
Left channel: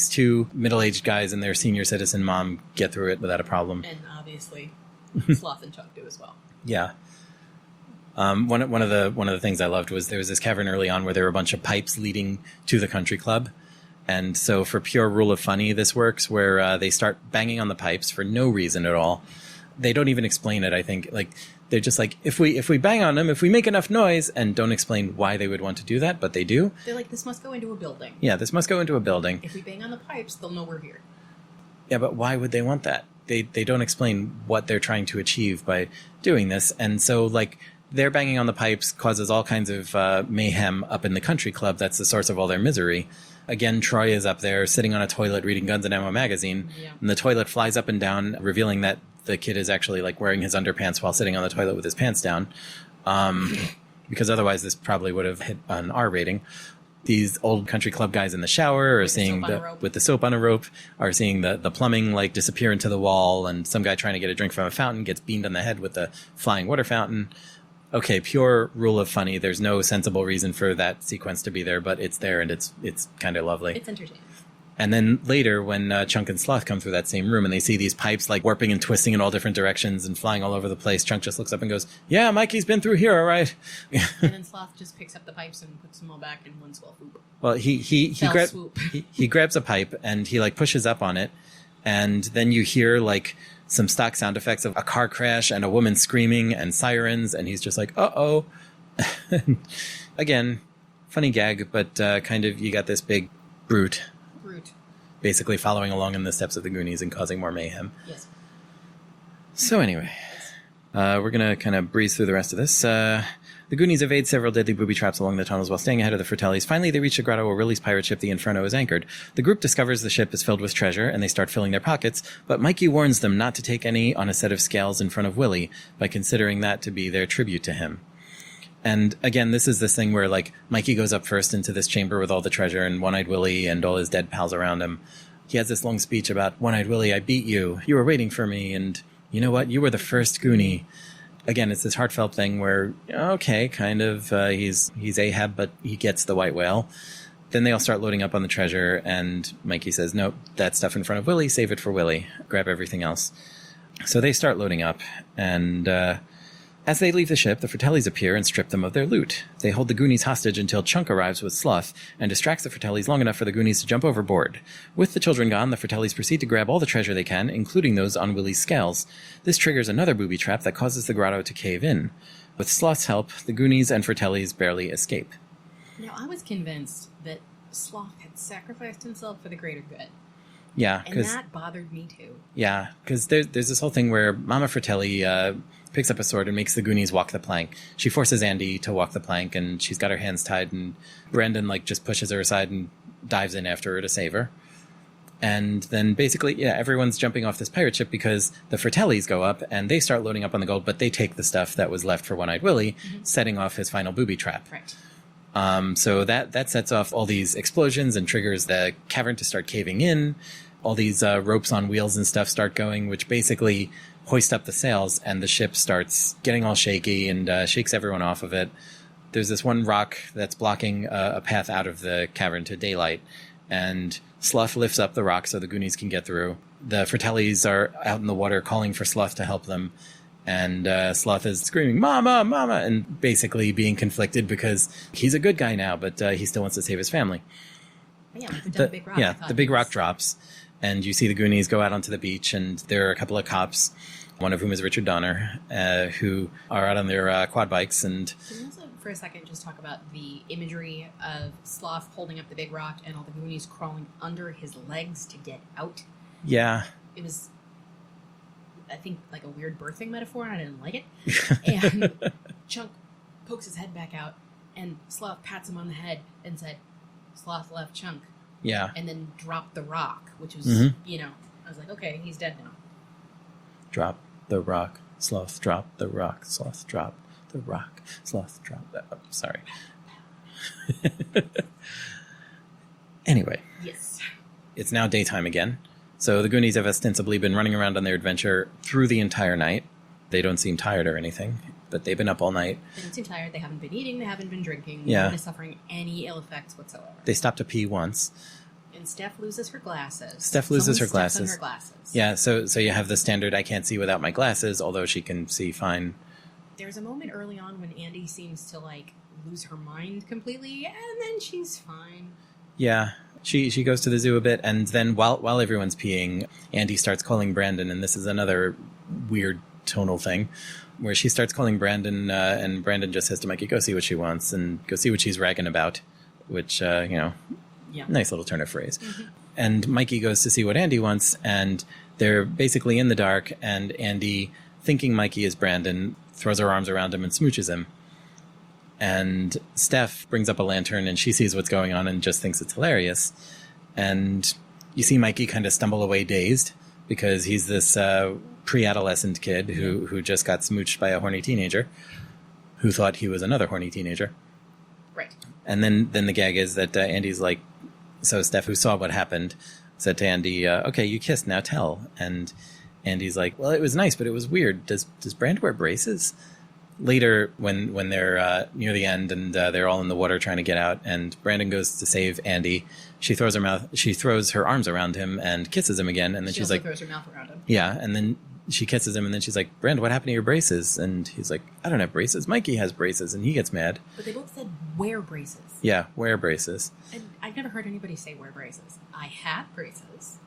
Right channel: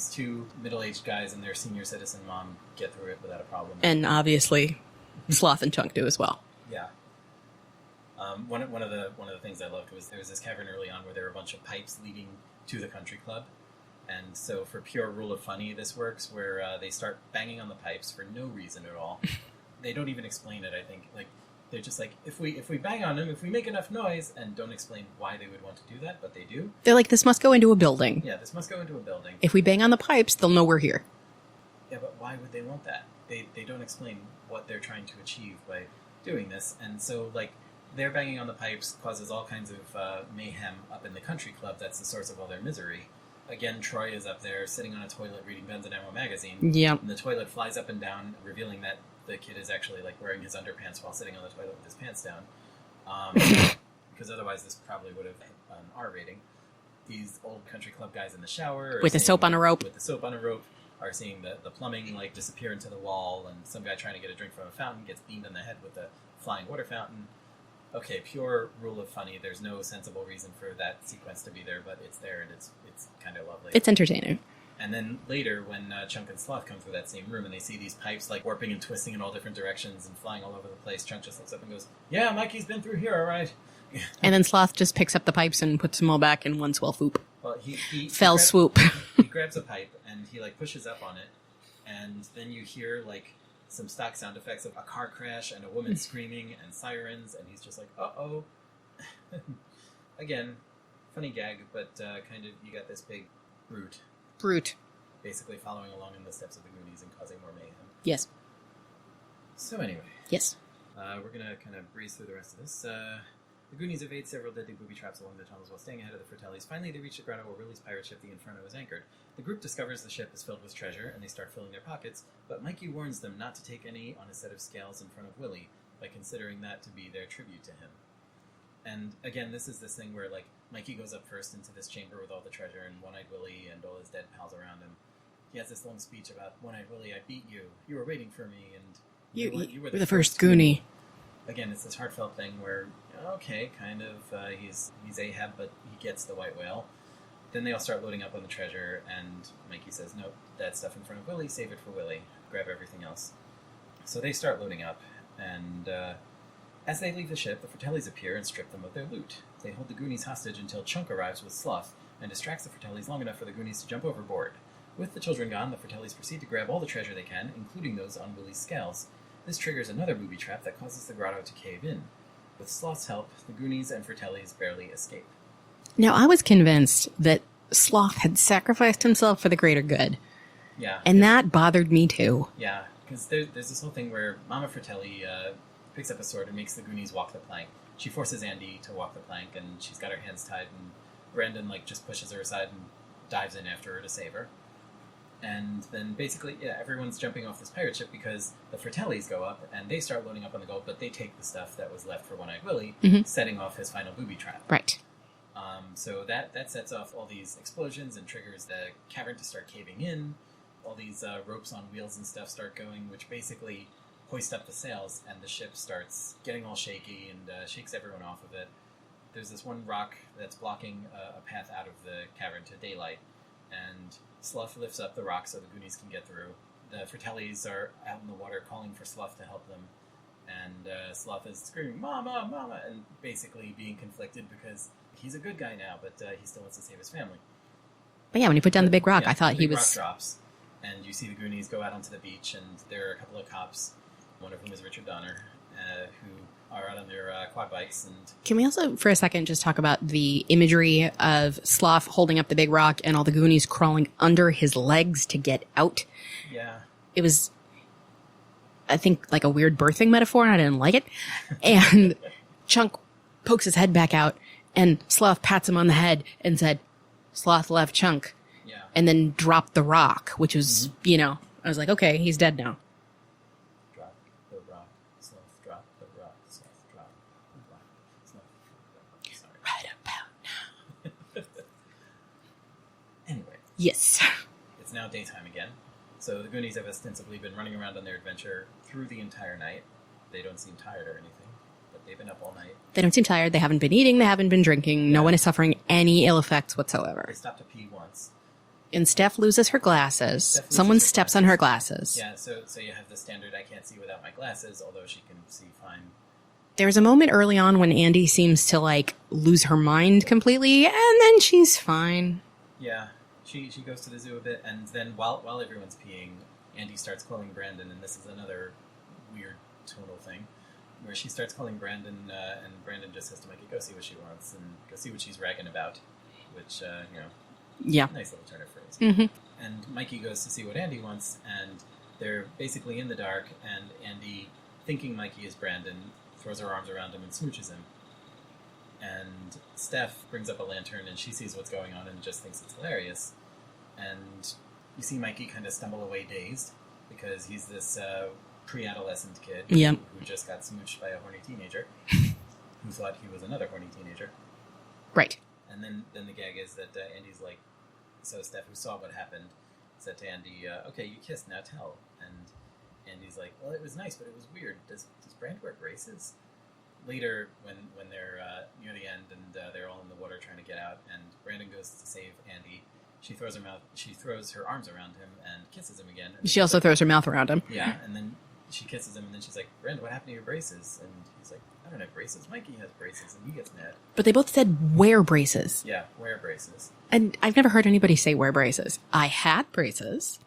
two middle-aged guys and their senior citizen mom get through it without a problem. And obviously, Sloth and Chunk do as well. Yeah. One of the things I loved was there was this cavern early on where there were a bunch of pipes leading to the country club. And so for pure rule of funny, this works where they start banging on the pipes for no reason at all. They don't even explain it, I think. Like, they're just like, if we bang on them, if we make enough noise, and don't explain why they would want to do that, but they do. They're like, this must go into a building. Yeah, this must go into a building. If we bang on the pipes, they'll know we're here. Yeah, but why would they want that? They don't explain what they're trying to achieve by doing this. And so, like, their banging on the pipes causes all kinds of mayhem up in the country club. That's the source of all their misery. Again, Troy is up there sitting on a toilet reading Guns and Ammo magazine. Yep. And the toilet flies up and down, revealing that the kid is actually like wearing his underpants while sitting on the toilet with his pants down. Because otherwise this probably would have hit an R rating. these old country club guys in the shower, or With the seeing soap on a rope. with the soap on a rope, or seeing the plumbing like disappear into the wall, and some guy trying to get a drink from a fountain gets beamed on the head with the flying water fountain. Okay, pure rule of funny. There's no sensible reason for that sequence to be there, but it's there, and it's kind of lovely. It's entertaining. And then later, when Chunk and Sloth come through that same room and they see these pipes like warping and twisting in all different directions and flying all over the place, Chunk just looks up and goes, "Yeah, Mikey's been through here, all right." And then Sloth just picks up the pipes and puts them all back in one swell swoop. Well, he swoop. he grabs a pipe and he like pushes up on it, and then you hear like some stock sound effects of a car crash and a woman screaming and sirens, and he's just like, "Uh-oh." Again, funny gag, but kind of you got this big brute basically following along in the steps of the Goonies and causing more mayhem. Yes. So anyway, Yes. we're going to kind of breeze through the rest of this. The Goonies evade several deadly booby traps along the tunnels while staying ahead of the Fratellis. Finally, they reach the grotto where Willie's pirate ship, the Inferno, is anchored. The group discovers the ship is filled with treasure, and they start filling their pockets, but Mikey warns them not to take any on a set of scales in front of Willie, by considering that to be their tribute to him. And again, this is this thing where, like, Mikey goes up first into this chamber with all the treasure and One-Eyed Willie and all his dead pals around him. He has this long speech about, "One-Eyed Willie, I beat you. You were waiting for me, and you know what? You were the first Goonie." Again, it's this heartfelt thing where, okay, kind of, he's Ahab, but he gets the white whale. Then they all start loading up on the treasure, and Mikey says, "Nope, that stuff in front of Willie, save it for Willie. Grab everything else." So they start loading up, and as they leave the ship, the Fratellis appear and strip them of their loot. They hold the Goonies hostage until Chunk arrives with Sloth and distracts the Fratellis long enough for the Goonies to jump overboard. With the children gone, the Fratellis proceed to grab all the treasure they can, including those on Willie's scales. This triggers another booby trap that causes the grotto to cave in. With Sloth's help, the Goonies and Fratellis barely escape. Now, I was convinced that Sloth had sacrificed himself for the greater good. Yeah. And that bothered me too. Yeah, because there's this whole thing where Mama Fratelli picks up a sword and makes the Goonies walk the plank. She forces Andy to walk the plank, and she's got her hands tied, and Brandon like just pushes her aside and dives in after her to save her. And then basically, yeah, everyone's jumping off this pirate ship because the Fratellis go up and they start loading up on the gold, but they take the stuff that was left for One-Eyed Willie, setting off his final booby trap. Right. So that sets off all these explosions and triggers the cavern to start caving in. All these ropes on wheels and stuff start going, which basically hoist up the sails, and the ship starts getting all shaky and shakes everyone off of it. There's this one rock that's blocking a path out of the cavern to daylight, and Sloth lifts up the rock so the Goonies can get through. The Fratellis are out in the water calling for Sloth to help them, and Sloth is screaming, "Mama, Mama," and basically being conflicted because he's a good guy now, but he still wants to save his family. But yeah, when he put down the big rock, yeah, I thought the big rock drops, and you see the Goonies go out onto the beach, and there are a couple of cops, one of whom is Richard Donner, who are out on their quad bikes. And can we also, for a second, just talk about the imagery of Sloth holding up the big rock and all the Goonies crawling under his legs to get out? Yeah. It was, I think, like a weird birthing metaphor, and I didn't like it. And Chunk pokes his head back out, and Sloth pats him on the head and said, "Sloth left Chunk." Yeah. And then dropped the rock, which was, I was like, okay, he's dead now. Drop the rock, Sloth, drop the rock, Sloth, drop the rock, Sloth, drop that. Oh, sorry. Right about. Anyway. Yes. It's now daytime again. So the Goonies have ostensibly been running around on their adventure through the entire night. They don't seem tired or anything, but they've been up all night. They don't seem tired. They haven't been eating. They haven't been drinking. Yeah. No one is suffering any ill effects whatsoever. They stopped to pee once. And Steph loses her glasses. Someone steps on her glasses. Yeah, so you have the standard, I can't see without my glasses, although she can see fine. There's a moment early on when Andy seems to, like, lose her mind completely, and then she's fine. Yeah, she goes to the zoo a bit, and then while everyone's peeing, Andy starts calling Brandon, and this is another weird tonal thing, where she starts calling Brandon, and Brandon just says to Mikey, "Go see what she wants, and go see what she's ragging about," which, Yeah. nice little turn of phrase. Mm-hmm. And Mikey goes to see what Andy wants, and they're basically in the dark, and Andy, thinking Mikey is Brandon, throws her arms around him and smooches him. And Steph brings up a lantern, and she sees what's going on and just thinks it's hilarious. And you see Mikey kind of stumble away dazed, because he's this pre-adolescent kid who just got smooched by a horny teenager who thought he was another horny teenager. Right. And then the gag is that Andy's like, so Steph, who saw what happened, said to Andy, okay, you kissed, now tell. And Andy's like, well, it was nice, but it was weird. Does Brand wear braces? Later, when they're near the end and they're all in the water trying to get out, and Brandon goes to save Andy, she throws her arms around him and kisses him again. And then she also throws her mouth around him. Yeah, and then she kisses him, and then she's like, Brand, what happened to your braces? And he's like, I don't have braces. Mikey has braces, and he gets mad. But they both said wear braces. Yeah, wear braces. And I've never heard anybody say wear braces. I had braces,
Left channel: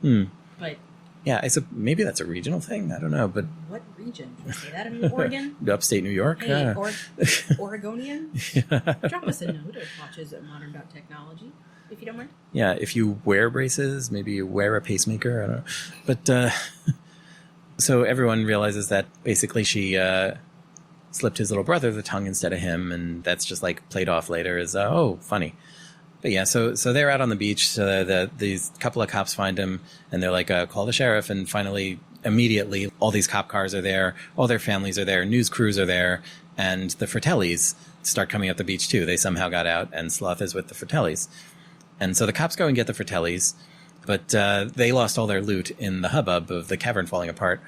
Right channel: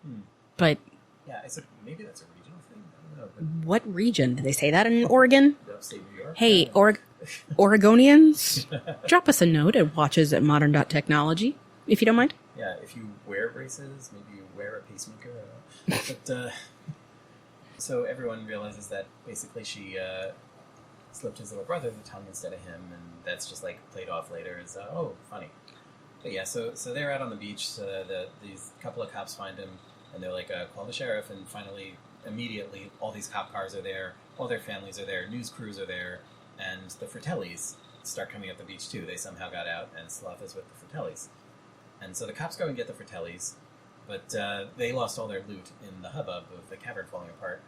but... Yeah, maybe that's a regional thing. I don't know, but what region? Did they say that in Oregon? Upstate New York? Hey, Yeah. Oregonians, drop us a note at watches@modern.technology, if you don't mind. Yeah, if you wear braces, maybe you wear a pacemaker. I don't know. But, so everyone realizes that basically she slipped his little brother the tongue instead of him, and that's just like played off later as, oh, funny. But yeah, so they're out on the beach. So these couple of cops find him, and they're like, call the sheriff. And finally, immediately, all these cop cars are there. All their families are there. News crews are there. And the Fratellis start coming up the beach, too. They somehow got out, and Sloth is with the Fratellis. And so the cops go and get the Fratellis, but they lost all their loot in the hubbub of the cavern falling apart.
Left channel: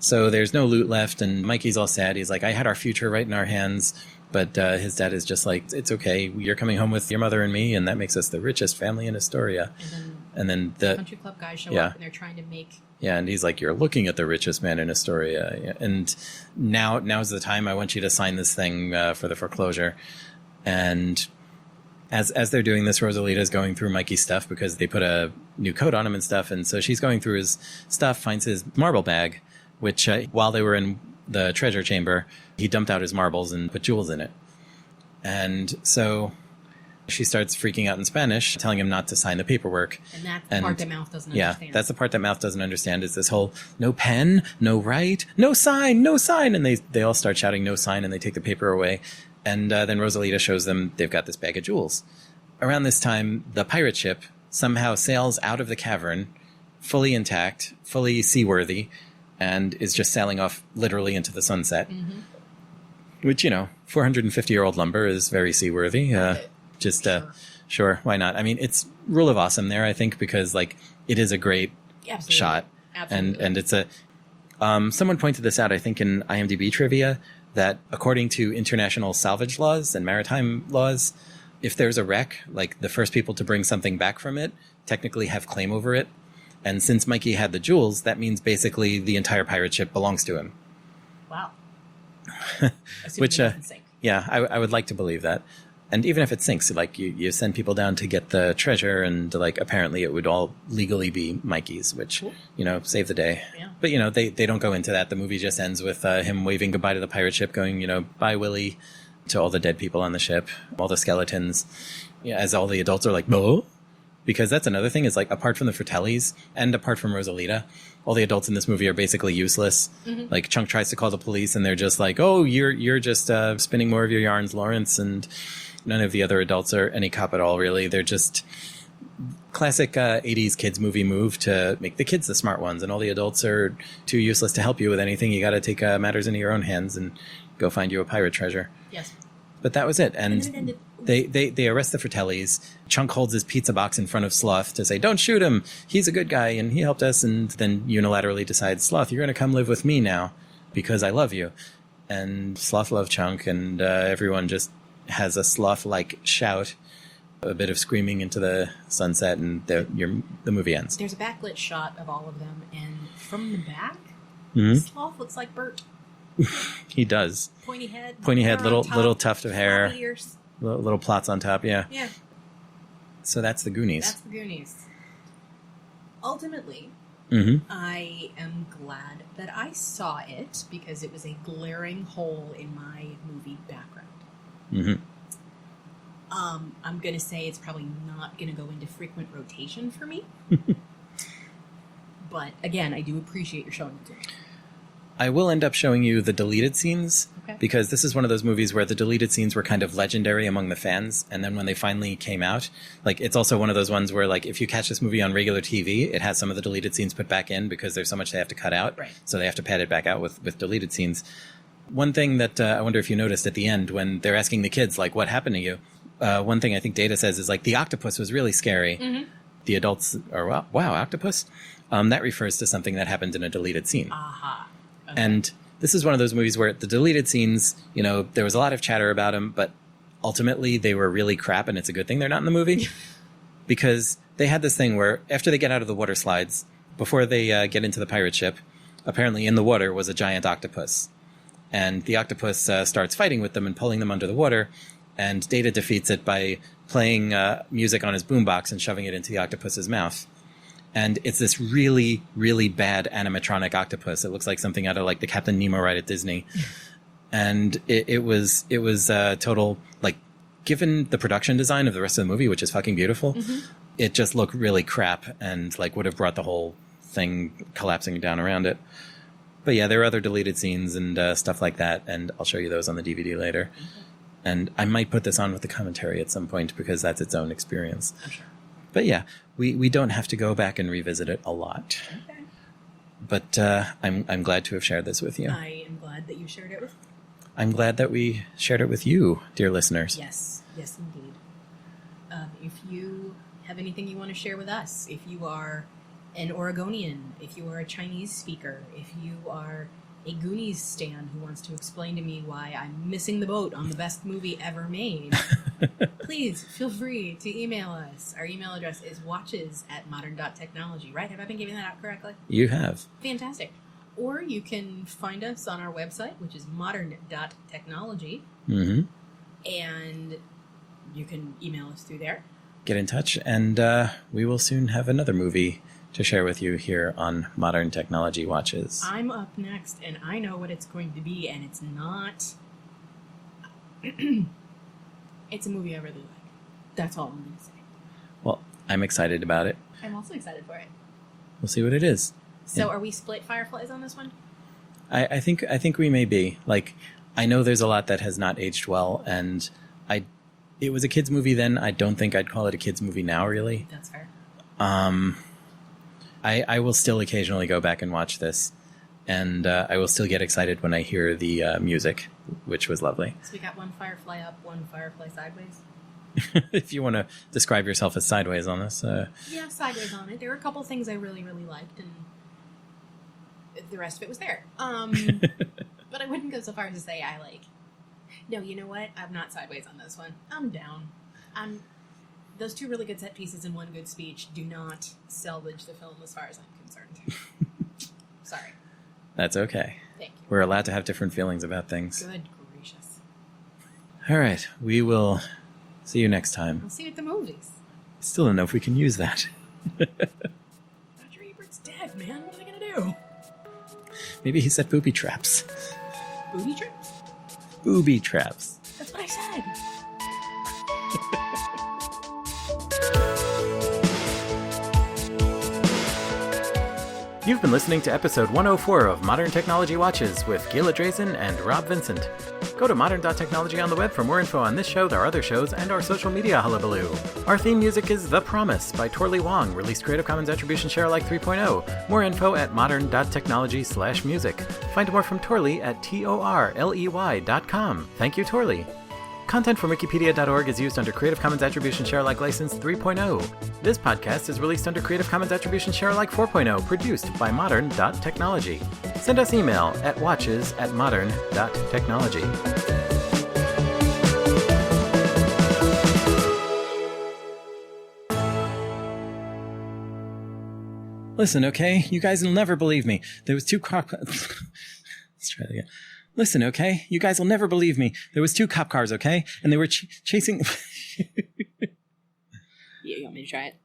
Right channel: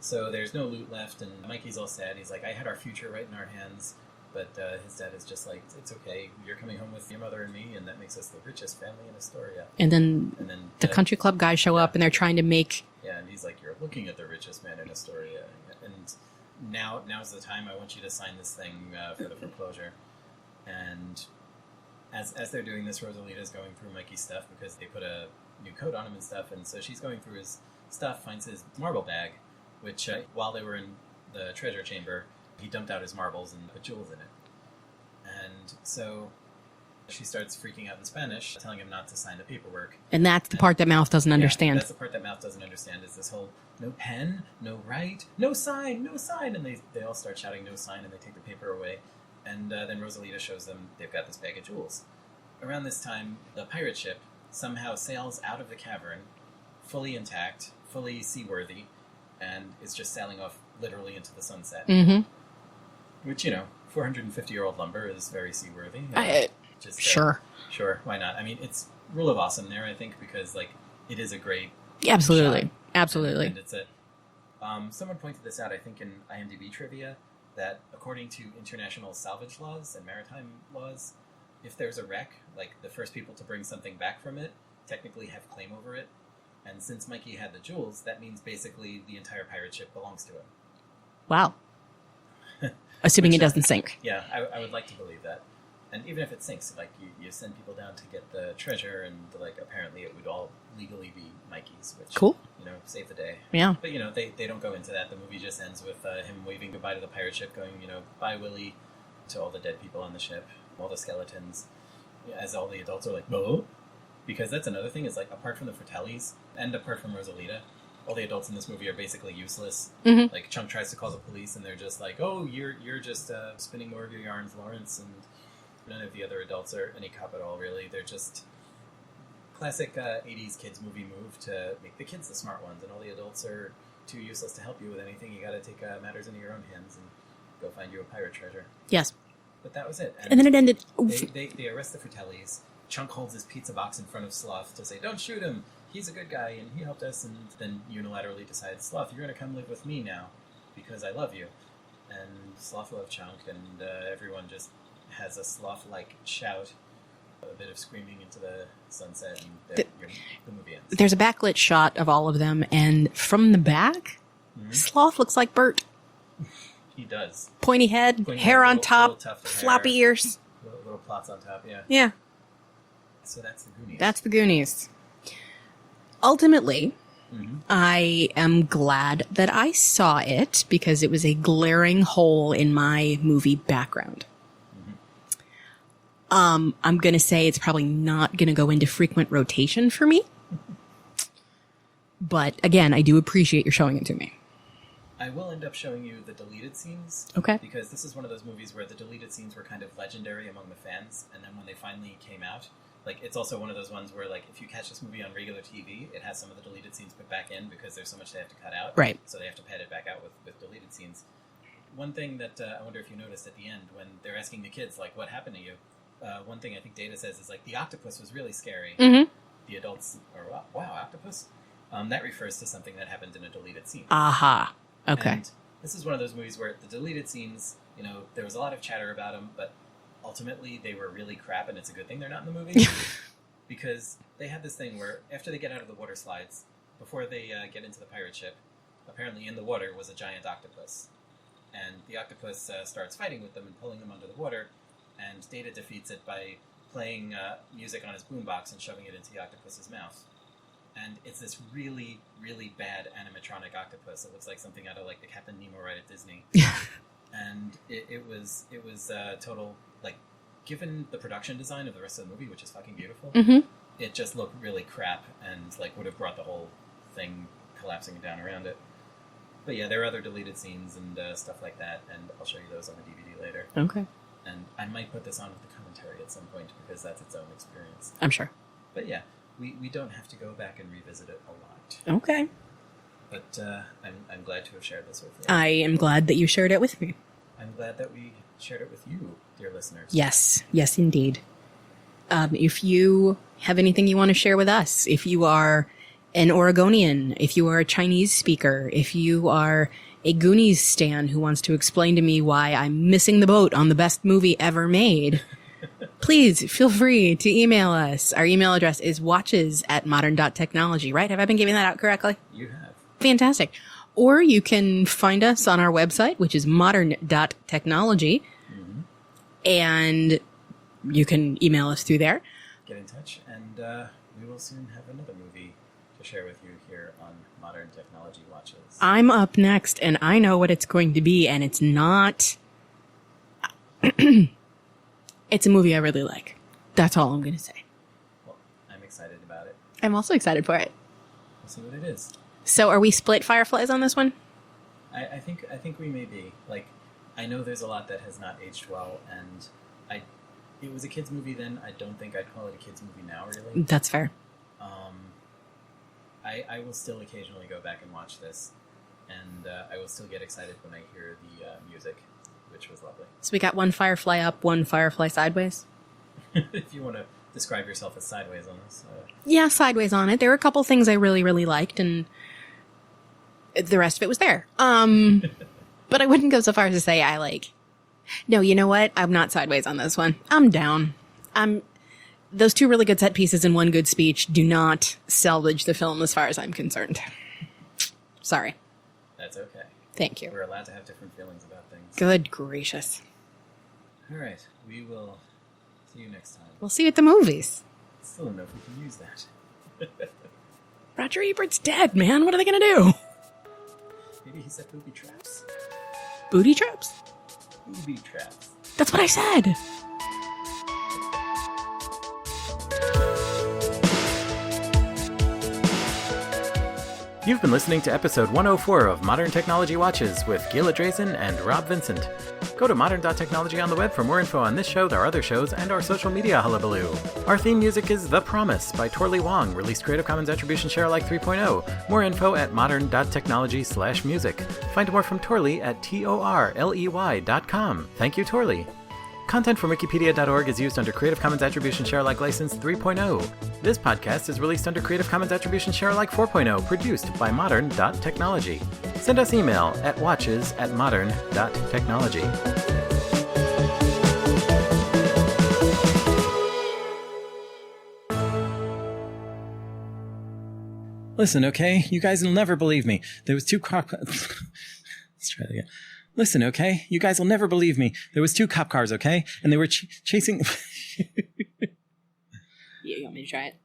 So there's no loot left, and Mikey's all sad. He's like, I had our future right in our hands. But his dad is just like, it's okay. You're coming home with your mother and me, and that makes us the richest family in Astoria. And then the country club guys show up, and they're trying to make... Yeah, and he's like, you're looking at the richest man in Astoria. Yeah. And now's the time. I want you to sign this thing for the foreclosure. And as they're doing this, Rosalita's going through Mikey's stuff because they put a new coat on him and stuff. And so she's going through his stuff, finds his marble bag, which while they were in the treasure chamber... He dumped out his marbles and put jewels in it. And so she starts freaking out in Spanish, telling him not to sign the paperwork. And that's the part that Mouth doesn't understand. That's the part that Mouth doesn't understand is this whole no pen, no write, no sign. And they all start shouting no sign, and they take the paper away. And then Rosalita shows them they've got this bag of jewels. Around this time, the pirate ship somehow sails out of the cavern, fully intact, fully seaworthy, and is just sailing off literally into the sunset. Mm-hmm. Which, 450-year-old lumber is very seaworthy. Sure, why not? I mean, it's rule of awesome there, I think, because, like, it is a great shot. Absolutely. And it's a... someone pointed this out, I think, in IMDb trivia, that according to international salvage laws and maritime laws, if there's a wreck, like, the first people to bring something back from it technically have claim over it. And since Mikey had the jewels, that means basically the entire pirate ship belongs to him. Wow. Assuming it doesn't sink. Yeah, I would like to believe that. And even if it sinks, like you send people down to get the treasure, and like apparently it would all legally be Mikey's, which cool. Save the day. Yeah. But they don't go into that. The movie just ends with him waving goodbye to the pirate ship, going bye Willie, to all the dead people on the ship, all the skeletons. Yeah, as all the adults are like, "Bo," because that's another thing is like apart from the Fratellis and apart from Rosalita, all the adults in this movie are basically useless. Mm-hmm. Like Chunk tries to call the police, and they're just like, "Oh, you're just spinning more of your yarns, Lawrence." And none of the other adults are any cop at all, really. They're just classic 80s kids movie move to make the kids the smart ones, and all the adults are too useless to help you with anything. You got to take matters into your own hands and go find you a pirate treasure. Yes. But that was it. And then it ended. They arrest the Fratellis. Chunk holds his pizza box in front of Sloth to say, don't shoot him. He's a good guy, and he helped us. And then unilaterally decides, Sloth, you're going to come live with me now because I love you. And Sloth loved Chunk, and everyone just has a Sloth-like shout, a bit of screaming into the sunset, and the movie ends. There's a backlit shot of all of them, and from the back, Sloth looks like Bert. He does. Pointy head, hair on top, little tuft of hair, floppy ears, little plots on top. Yeah. Yeah. So that's the Goonies. That's the Goonies. Ultimately, I am glad that I saw it because it was a glaring hole in my movie background. Mm-hmm. I'm going to say it's probably not going to go into frequent rotation for me. But again, I do appreciate you showing it to me. I will end up showing you the deleted scenes. Okay. Because this is one of those movies where the deleted scenes were kind of legendary among the fans. And then when they finally came out, like, it's also one of those ones where, like, if you catch this movie on regular TV, it has some of the deleted scenes put back in because there's so much they have to cut out. Right. So they have to pad it back out with deleted scenes. One thing that I wonder if you noticed at the end when they're asking the kids, like, what happened to you? one thing I think Data says is like the octopus was really scary. The adults are, wow, octopus? That refers to something that happened in a deleted scene. Aha. Okay. And this is one of those movies where the deleted scenes, you know, there was a lot of chatter about them, but ultimately they were really crap, and it's a good thing they're not in the movie. Because they had this thing where after they get out of the water slides, before they get into the pirate ship, apparently in the water was a giant octopus. And the octopus starts fighting with them and pulling them under the water, and Data defeats it by playing music on his boombox and shoving it into the octopus's mouth. And it's this really, really bad animatronic octopus. It looks like something out of like the Captain Nemo ride at Disney. And it was total, like, given the production design of the rest of the movie, which is fucking beautiful, it just looked really crap and like would have brought the whole thing collapsing down around it. But yeah, there are other deleted scenes and stuff like that, and I'll show you those on the DVD later. Okay. And I might put this on with the commentary at some point because that's its own experience. I'm sure. But yeah, we don't have to go back and revisit it a lot. Okay. But I'm glad to have shared this with you. I am glad that you shared it with me. I'm glad that we shared it with you, dear listeners. Yes. Yes, indeed. If you have anything you want to share with us, if you are an Oregonian, if you are a Chinese speaker, if you are a Goonies stan who wants to explain to me why I'm missing the boat on the best movie ever made, please feel free to email us. Our email address is watches@modern.technology, right? Have I been giving that out correctly? You have. Fantastic. Or you can find us on our website, which is modern.technology. And you can email us through there. Get in touch, and we will soon have another movie to share with you here on Modern Technology Watches. I'm up next, and I know what it's going to be, and it's not... It's a movie I really like. That's all I'm going to say. Well, I'm excited about it. I'm also excited for it. We'll see what it is. So are we split Fireflies on this one? I think we may be. Like, I know there's a lot that has not aged well, and it was a kid's movie then. I don't think I'd call it a kid's movie now, really. That's fair. I will still occasionally go back and watch this, and I will still get excited when I hear the music, which was lovely. So we got one Firefly up, one Firefly sideways. If you want to describe yourself as sideways on this. Yeah, sideways on it. There were a couple things I really, really liked, and the rest of it was there. But I wouldn't go so far as to say I like... No, you know what? I'm not sideways on this one. I'm down. Those two really good set pieces and one good speech do not salvage the film as far as I'm concerned. Sorry. That's okay. Thank you. We're allowed to have different feelings about things. Good gracious. All right. We will see you next time. We'll see you at the movies. Still don't know if we can use that. Roger Ebert's dead, man. What are they going to do? Maybe he set booby traps. Booty traps? Booby traps. That's what I said. You've been listening to episode 104 of Modern Technology Watches with Gila Drazen and Rob Vincent. Go to modern.technology on the web for more info on this show, our other shows, and our social media hullabaloo. Our theme music is The Promise by Torley Wong, released Creative Commons Attribution Share Alike 3.0. More info at modern.technology/music. Find more from Torley at torley.com. Thank you, Torley. Content from wikipedia.org is used under Creative Commons Attribution Share Alike License 3.0. This podcast is released under Creative Commons Attribution Share Alike 4.0, produced by modern.technology. Send us email at watches@modern.technology. Listen, okay? You guys will never believe me. There was two cop... Let's try that again. Listen, okay? You guys will never believe me. There was two cop cars, okay? And they were chasing... You want me to try it?